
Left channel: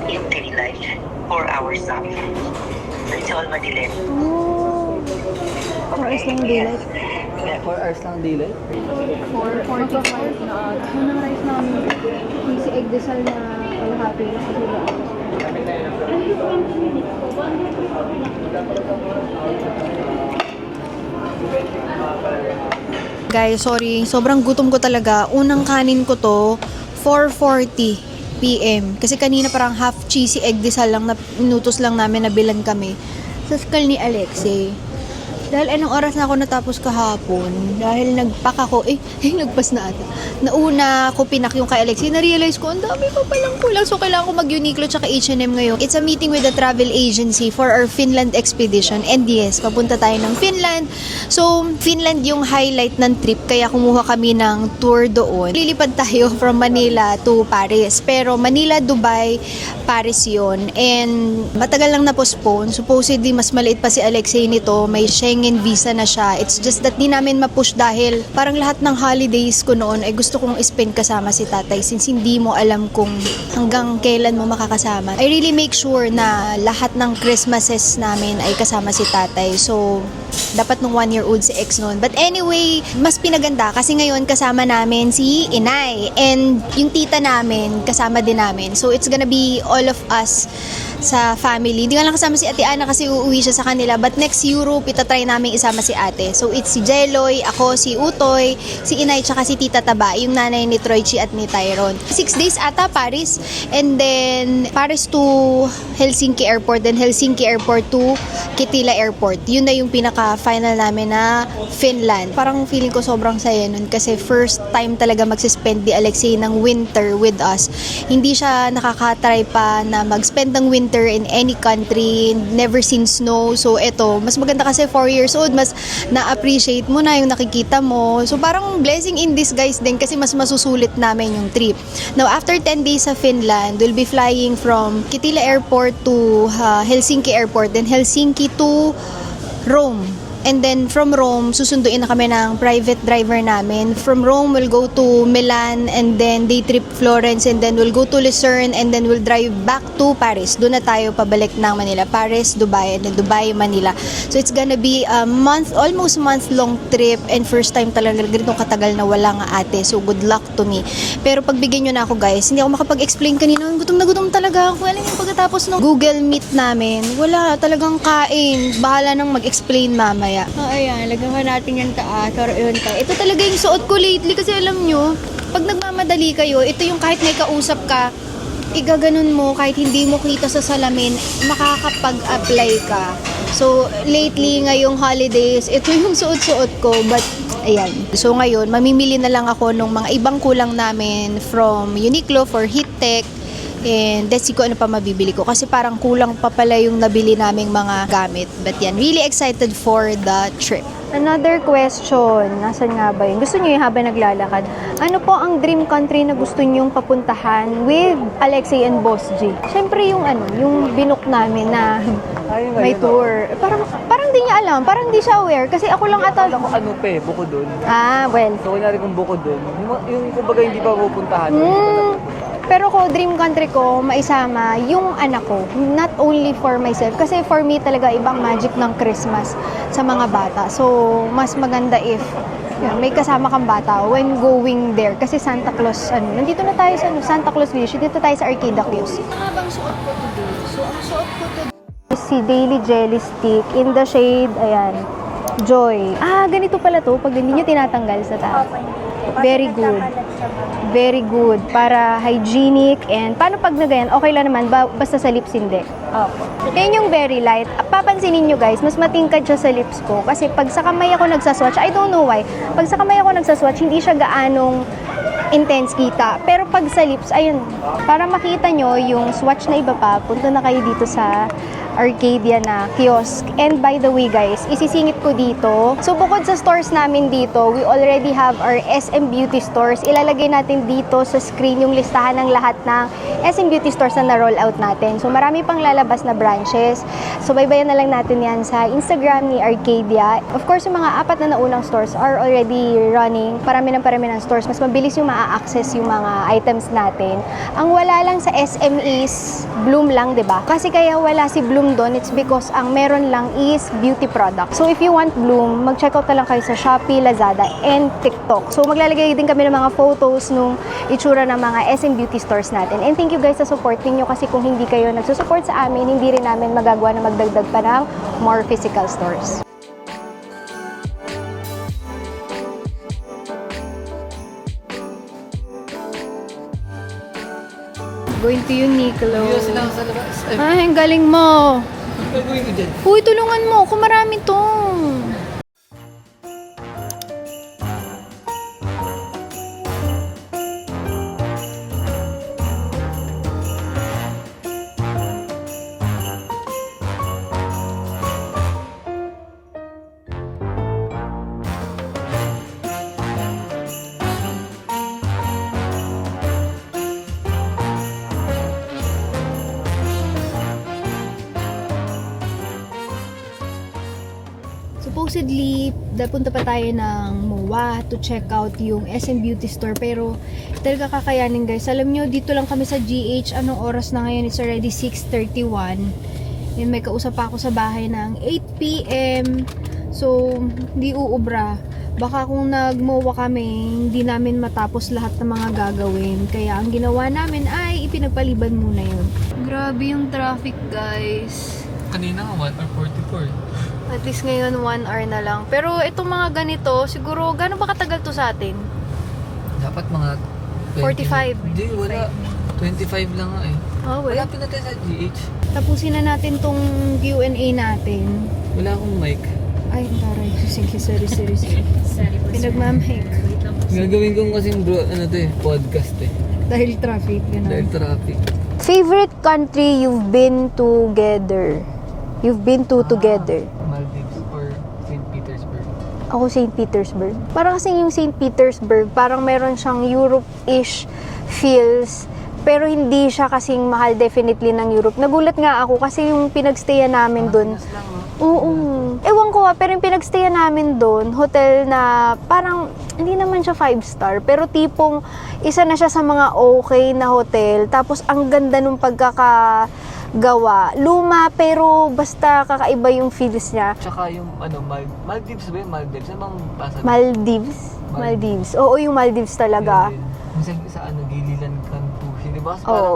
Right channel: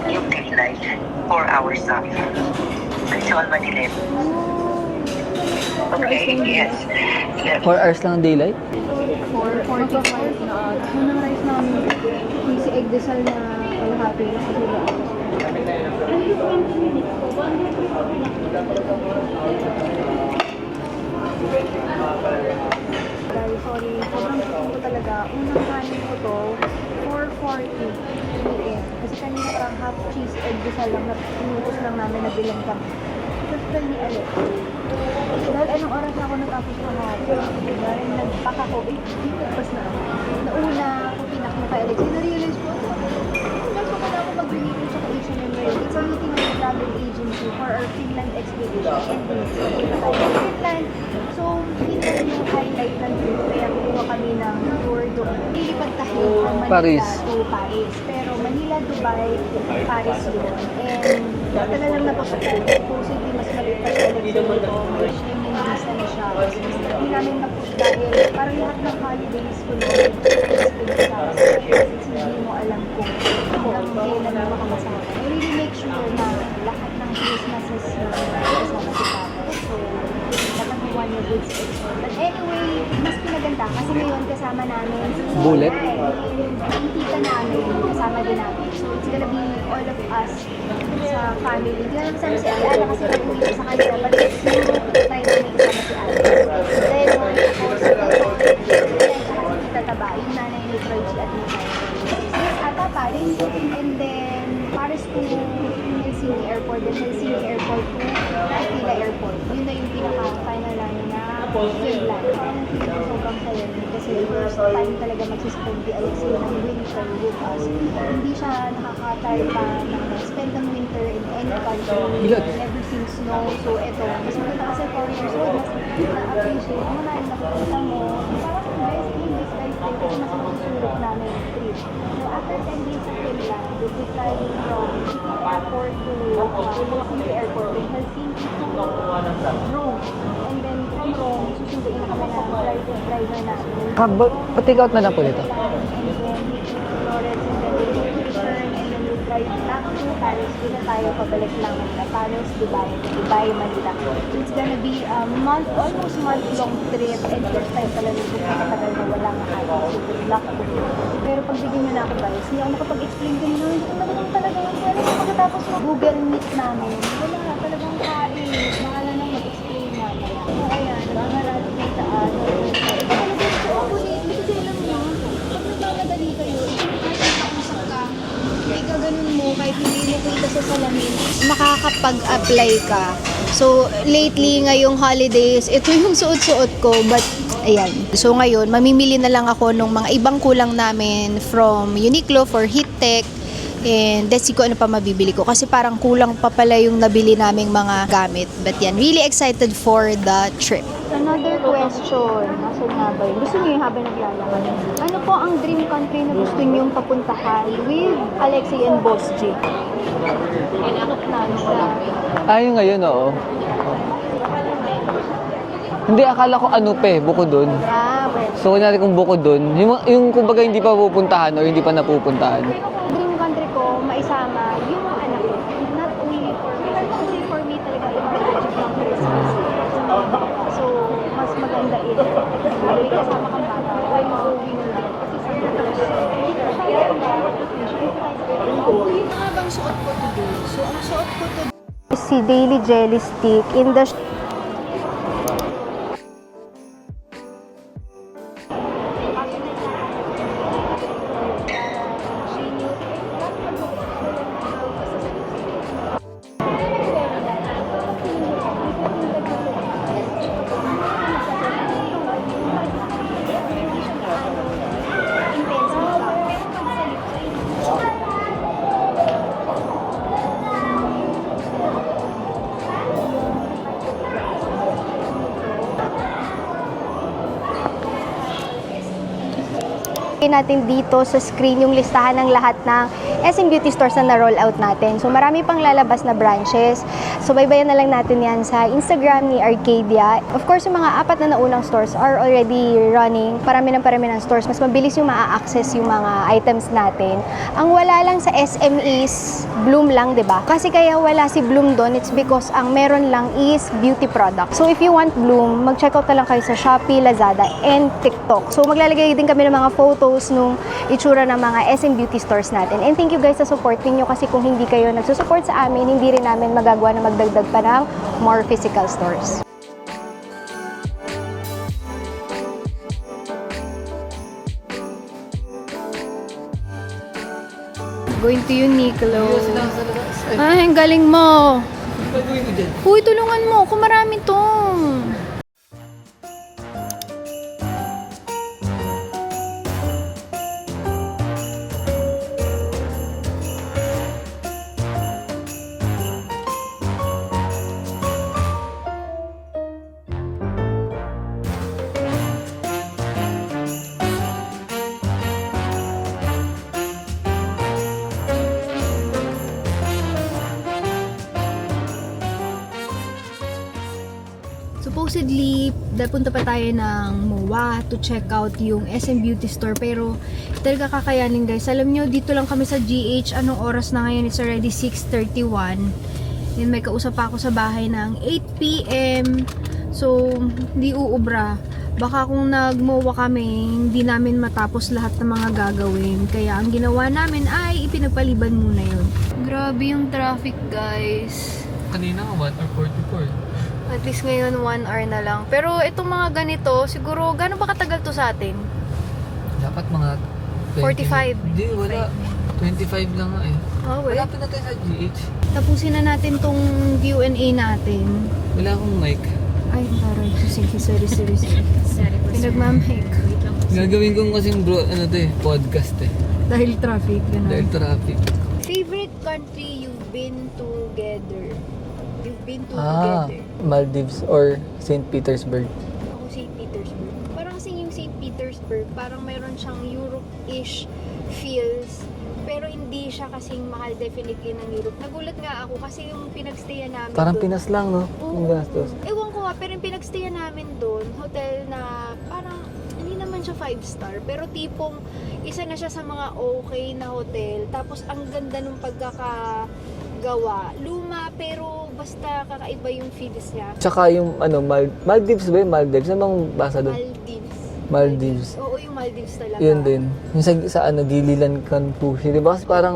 yung daylight, 4 hours up. It's all madilim. hours lang Yes. Yes. 4 hours lang daylight? 4:45 na. Unang rice namin, si egg desal na kalahati lang kasi Guys, sorry. Sobrang gutom ko talaga. Unang kanin ko to, 4:40 PM. Kasi kanina parang half cheesy egg desal lang na minutos lang namin na bilan kami. Sa school ni Alexei. Dahil anong oras na ako natapos kahapon? Dahil nagpack ako, nagpas na ata. Nauna ako pinak yung kay Alexei, na-realize ko, ang dami pa palang kulang. So, kailangan ko mag-Uniqlo tsaka H&M ngayon. It's a meeting with a travel agency for our Finland expedition. And yes, papunta tayo ng Finland. So, Finland yung highlight ng trip, kaya kumuha kami ng tour doon. Lilipad tayo from Manila to Paris. Pero Manila, Dubai, Paris yun. And matagal lang na-postpone. Supposedly, mas maliit pa si Alexei nito. May Schengen visa na siya. It's just that di namin ma-push dahil parang lahat ng holidays ko noon ay gusto kong spend kasama si tatay since hindi mo alam kung hanggang kailan mo makakasama. I really make sure na lahat ng Christmases namin ay kasama si tatay. So, dapat nung 1-year-old si ex noon. But anyway, mas pinaganda kasi ngayon kasama namin si Inay. And yung tita namin, kasama din namin. So, it's gonna be all of us sa family. Hindi nga lang kasama si Ate Ana kasi uuwi siya sa kanila. But next Europe, itatry namin isama si ate. So it's si Jeloy, ako, si Utoy, si Inay, tsaka si Tita Taba, yung nanay ni Troychi at ni Tyron. 6 days ata, Paris. And then, Paris to Helsinki Airport. Then Helsinki Airport to Kitila Airport. Yun na yung pinaka-final namin na Finland. Parang feeling ko sobrang saya nun kasi first time talaga magsispend di Alexei ng winter with us. Hindi siya nakaka-try pa na mag-spend ng winter in any country, never seen snow. So eto, mas maganda kasi 4 years old, mas na-appreciate mo na yung nakikita mo. So parang blessing in disguise din kasi mas masusulit namin yung trip. Now after 10 days sa Finland, we'll be flying from Kitila Airport to Helsinki Airport, then Helsinki to Rome. And then from Rome, susunduin na kami ng private driver namin. From Rome, we'll go to Milan and then day trip Florence and then we'll go to Lucerne and then we'll drive back to Paris. Doon na tayo pabalik ng Manila. Paris, Dubai, and then Dubai, Manila. So it's gonna be a month, almost month-long trip and first time talaga ganito katagal na wala nga ate. So good luck to me. Pero pagbigyan nyo na ako guys, hindi ako makapag-explain kanina. Gutom na gutom talaga ako. Alam mo, pagkatapos ng Google Meet namin, wala talagang kain. Bahala nang mag-explain mamaya. Ayan, lagyan nga natin yung taas or yun ka. Ito talaga yung suot ko lately kasi alam nyo, pag nagmamadali kayo, ito yung kahit may kausap ka, igaganon mo, kahit hindi mo kita sa salamin, makakapag-apply ka. So, lately, ngayong holidays, ito yung suot-suot ko, but ayan. So, ngayon, mamimili na lang ako ng mga ibang kulang namin from Uniqlo for Heat Tech. And let's see ko ano pa mabibili ko kasi parang kulang pa pala yung nabili naming mga gamit. But yan, really excited for the trip. Another question, nasan nga ba yun? Gusto niyo yung habang naglalakad? Ano po ang dream country na gusto niyong papuntahan with Alexei and Boss G? Siyempre yung yung binook namin na may tour. Parang di niya alam, parang di siya aware. Kasi ako lang Hindi, akala ko buko dun. Well. So, kunwari kung buko dun, yung kumbaga hindi pa pupuntahan o hindi pa napupuntahan. Pero ko, dream country ko, maisama yung anak ko. Not only for myself. Kasi for me talaga ibang magic ng Christmas sa mga bata. So, mas maganda if may kasama kang bata when going there. Kasi Santa Claus, nandito na tayo sa Santa Claus Village. Dito tayo sa Arcade Aquarius. Ang habang suot ko today. So, ang suot ko today si Daily Jelly Stick in the shade, ayan, Joy. Ganito pala to pag hindi nyo tinatanggal sa taas. Very good. Very good. Para hygienic and paano pag nagayan, okay lang naman, basta sa lips hindi. Yan yung very light. Papansinin nyo guys, mas matingkad siya sa lips ko. Kasi pag sa kamay ako nagsaswatch, I don't know why, pag sa kamay ako nagsaswatch, hindi siya gaanong intense kita. Pero pag sa lips, ayun, para makita nyo yung swatch na iba pa, punta na kayo dito sa Arcadia na kiosk. And by the way guys, isisingit ko dito. So bukod sa stores namin dito, we already have our SM Beauty stores. Ilalagay natin dito sa screen yung listahan ng lahat ng SM Beauty stores na na-roll out natin. So marami pang lalabas na branches. So baybayan na lang natin yan sa Instagram ni Arcadia. Of course, yung mga 4 na naunang stores are already running. Parami ng stores. Mas mabilis yung ma-access yung mga items natin. Ang wala lang sa SM is Bloom lang, 'di ba? Kasi kaya wala si Bloom doon, it's because ang meron lang is beauty product. So if you want Bloom, mag-check out na lang kayo sa Shopee, Lazada, and TikTok. So maglalagay din kami ng mga photos nung itsura ng mga SM Beauty stores natin. And thank you guys sa supporting nyo kasi kung hindi kayo nagsusupport sa amin, hindi rin namin magagawa na magdagdag pa ng more physical stores. Going to Uniqlo. Ay, ang galing mo. Uy, tulungan mo. Kung marami to. Supposedly, punta pa tayo ng MOA to check out yung SM Beauty Store. Pero, talaga kakayanin guys. Alam nyo, dito lang kami sa GH. Anong oras na ngayon? It's already 6:31. And may kausap pa ako sa bahay ng 8 p.m. So, hindi uubra. Baka kung nag-MOA kami, hindi namin matapos lahat ng mga gagawin. Kaya, ang ginawa namin ay ipinagpaliban muna yun. Grabe yung traffic guys. Kanina nga, 1:44. At least ngayon 1 hour na lang. Pero itong mga ganito, siguro, gano'n ba katagal to sa atin? Dapat mga 45. Hindi, wala. 25 lang nga eh. Oh, wait. Wala pa na tayo sa GH. Tapusin na natin tong Q&A natin. Wala akong mic. Ay, taray. Sige, sorry. Pinagmamake. Gagawin kong kasing bro, ano to eh, podcast eh. Dahil traffic, Dahil gano'n. traffic. Favorite country you've been together? You've been to together? Maldives or St. Petersburg. Ako St. Petersburg. Parang kasi yung St. Petersburg, parang meron siyang Europe-ish feels. Pero hindi siya kasing mahal definitely ng Europe. Nagulat nga ako kasi yung pinagstayan namin Parang doon. Pinas lang, no? Oo. Ewan ko pero yung pinagstayan namin doon, hotel na parang hindi naman siya 5-star, pero tipong isa na siya sa mga okay na hotel. Tapos ang ganda nung pagkakagawa. Luma pero basta kakaiba yung feels niya. Tsaka yung Maldives ba yun? Maldives? Ano bang basa doon? Maldives. Oo, yung Maldives talaga. Yun din. Yung sa Gililan, Kankushi. Di ba? Kasi parang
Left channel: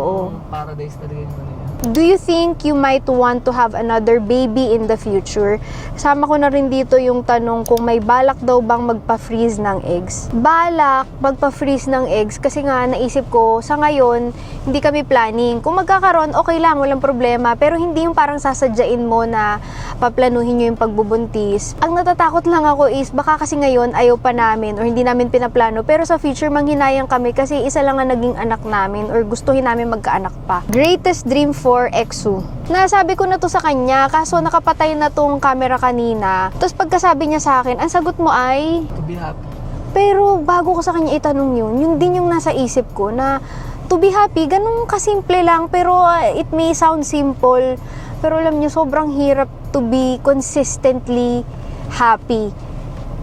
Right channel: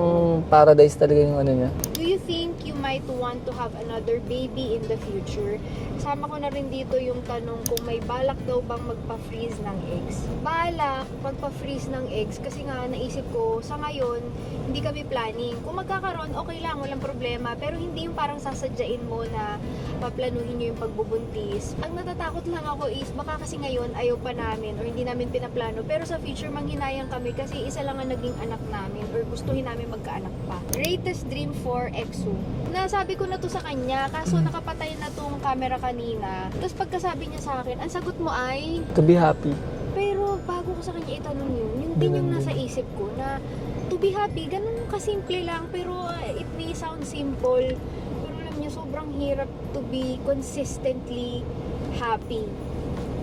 paradise talaga yung ano niya. Do you think you might want to have another baby in the future? Sama ko na rin dito yung tanong kung may balak daw bang magpa-freeze ng eggs. Balak magpa-freeze ng eggs kasi nga naisip ko sa ngayon hindi kami planning. Kung magkakaroon, okay lang, walang problema. Pero hindi yung parang sasadyain mo na paplanuhin nyo yung pagbubuntis. Ang natatakot lang ako is baka kasi ngayon ayaw pa namin or hindi namin pinaplano. Pero sa future manghinayang kami kasi isa lang ang naging anak namin or gustuhin namin magkaanak pa. Greatest dream for Exu. Nasabi ko na to sa kanya kaso nakapatay na tong camera kanina. Tapos pagkasabi niya sa akin, ang sagot mo ay To be happy. pero bago ko sa kanya itanong yun din yung nasa isip ko na to be happy, ganun kasimple lang pero it may sound simple pero alam niyo sobrang hirap to be consistently happy.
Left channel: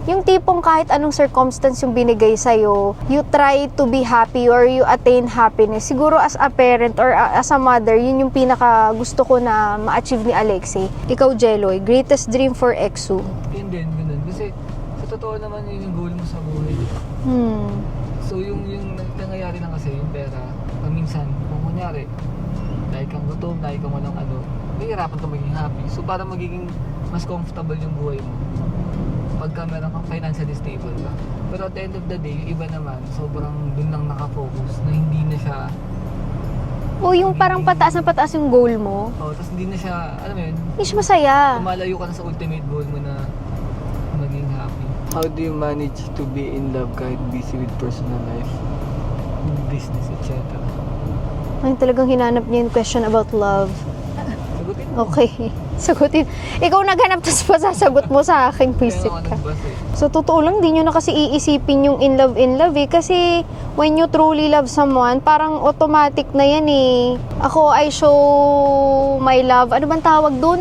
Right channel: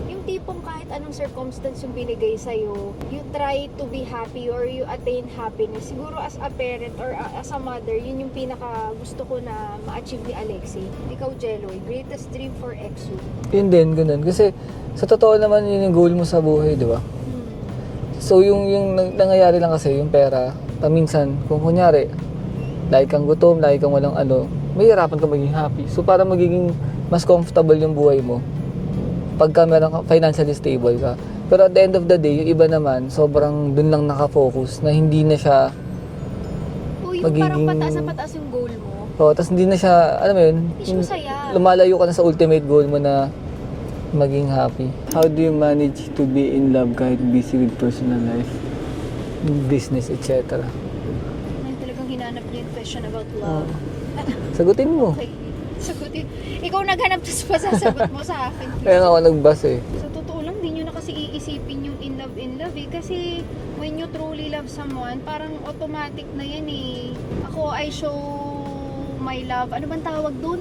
Yung tipong kahit anong circumstance yung binigay sa'yo, you try to be happy or you attain happiness. Siguro as a parent or as a mother, yun yung pinaka gusto ko na ma-achieve ni Alexi. Ikaw, Jeloy, greatest dream for Exu? Yun din, ganun. Kasi sa totoo naman yun yung goal mo sa buhay, di ba? So yung nangyayari lang kasi, yung pera, paminsan, kung kunyari, lagi kang gutom, lagi kang walang mahirapan ka maging happy. So para magiging mas comfortable yung buhay mo, pagka meron ka, financially stable ka. Pero at the end of the day, yung iba naman, sobrang dun lang nakafocus na hindi na siya O yung parang pataas na pataas yung goal mo. tapos hindi na siya, alam mo yun, Is masaya. lumalayo ka na sa ultimate goal mo na maging happy. How do you manage to be in love kahit busy with personal life, business, etc.? Ay, talagang hinanap niya yung question about love. Sagutin mo. Okay. Sagutin. Ikaw naghanap tapos pa sasagot mo sa akin. Kaya ako nagbas eh. So, totoo lang, di nyo na kasi iisipin yung in love eh. Kasi, when you truly love someone, parang automatic na yan eh. Ako, I show my love. Ano bang tawag dun?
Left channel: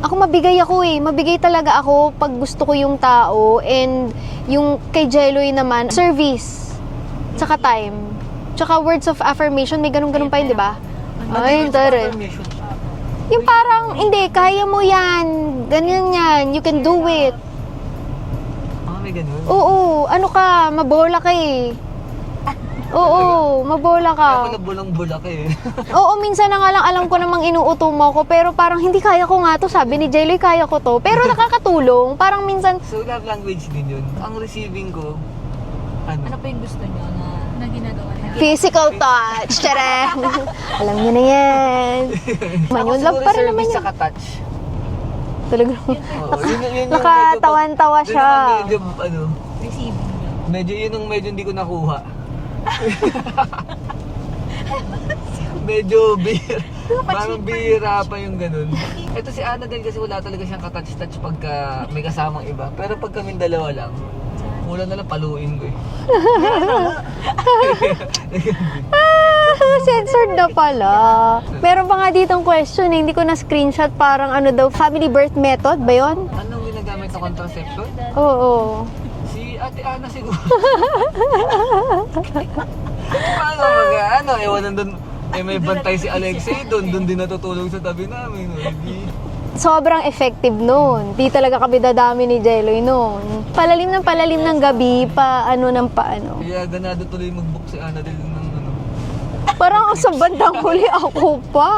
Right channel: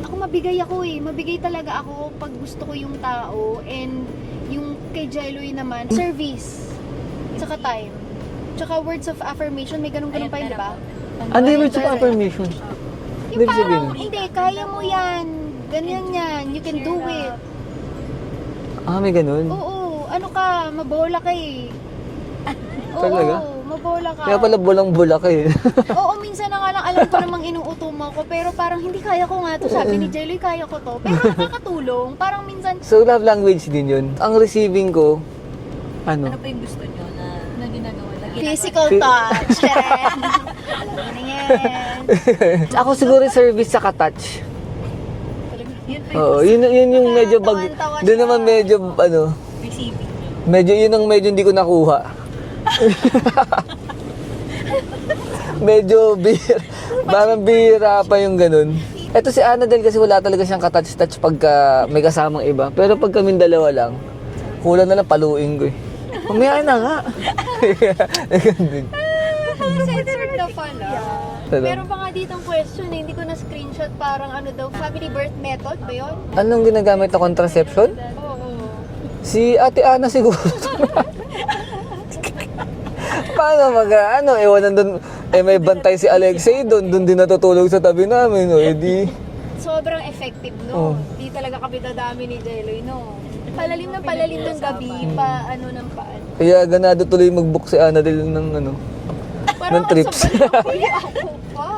Ako mabigay ako eh. Mabigay talaga ako pag gusto ko yung tao. And yung kay Jeloy naman, service. Tsaka time. Tsaka words of affirmation. May ganun-ganun pa yun, di ba? Ano Ay, yung tara. affirmation? Yung parang, hindi, kaya mo yan. Ganyan yan. You can do it. May ganun? Oo, ano ka, mabola ka eh. Oo, mabola ka. Kaya pala bulang-bula ka eh. Oo, minsan na nga lang alam ko namang inuuto mo ko, pero parang hindi kaya ko nga to. Sabi ni Jayloy, kaya ko to. Pero nakakatulong. Parang minsan, So love language din yun. Ang receiving ko, Ano pa yung gusto nyo na ginagawa? physical touch. Chareng. Alam niyo na yan. ako Love siguro pa rin service naman sa touch. Talagang Oo, yun yung medyo Nakatawan-tawa Doon siya. naman medyo, Receiving. medyo yun ang medyo hindi ko nakuha. Medyo parang bihira pa yung ganun. Eto si Annabelle kasi wala talaga siyang katouch-touch pagka may kasamang iba. Pero pag kaming dalawa lang, kulang na lang paluin ko eh. Meron na nga. censored na pala. Meron pa nga ditong question eh, hindi ko na screenshot, parang ano daw, family birth method ba yun? Anong ginagamit na contraception? Oo. Si Ate Ana siguro. Paano ewan nandun, may bantay si Alexei doon din natutulog sa tabi namin, edi. Sobrang effective noon. Di talaga kami dadami ni Jeloy noon. Palalim ng gabi, paano. Kaya ganado tuloy mag-book si Annabelle ng Parang ng trips. sa bandang huli ako pa.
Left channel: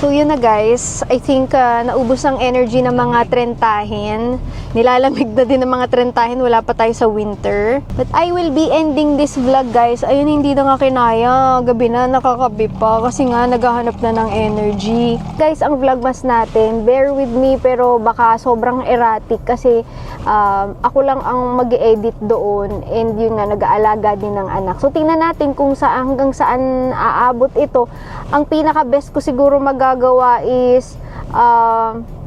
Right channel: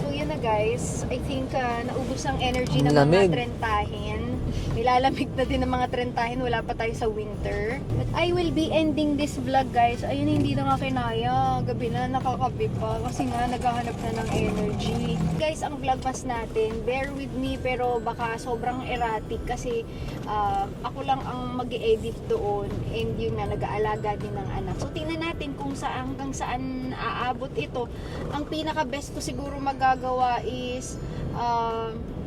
So yun na guys, I think naubos ang energy ng mga Lamig. trentahin. Nilalamig na din ng mga trentahin, wala pa tayo sa winter. But I will be ending this vlog guys. Ayun, hindi na nga kinaya. Gabi na, nakakabi pa. Kasi nga, naghahanap na ng energy. Guys, ang vlogmas natin, bear with me, pero baka sobrang erratic. Kasi ako lang ang mag-edit doon. And yun nga, nag-aalaga din ng anak. So tingnan natin kung hanggang saan aabot ito. Ang pinaka-best ko siguro magagawa is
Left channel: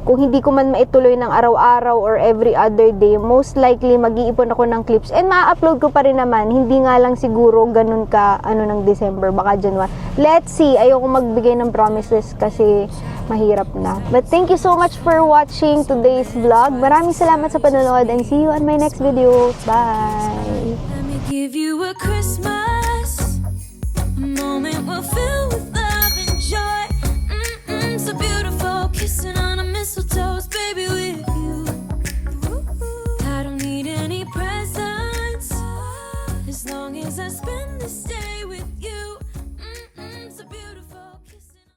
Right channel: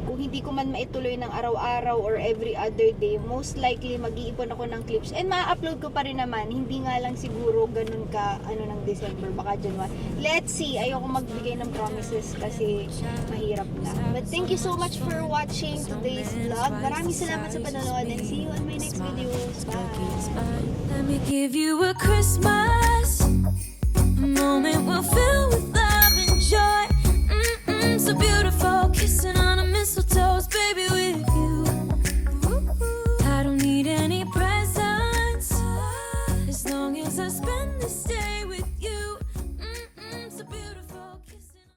kung hindi ko man maituloy ng araw-araw or every other day, most likely mag-iipon ako ng clips and ma-upload ko pa rin naman. Hindi nga lang siguro ganun ka ng December, baka January. Let's see. Ayoko magbigay ng promises kasi mahirap na. But thank you so much for watching today's vlog. Maraming salamat sa panonood and see you on my next video. Bye! Let me give you a Christmas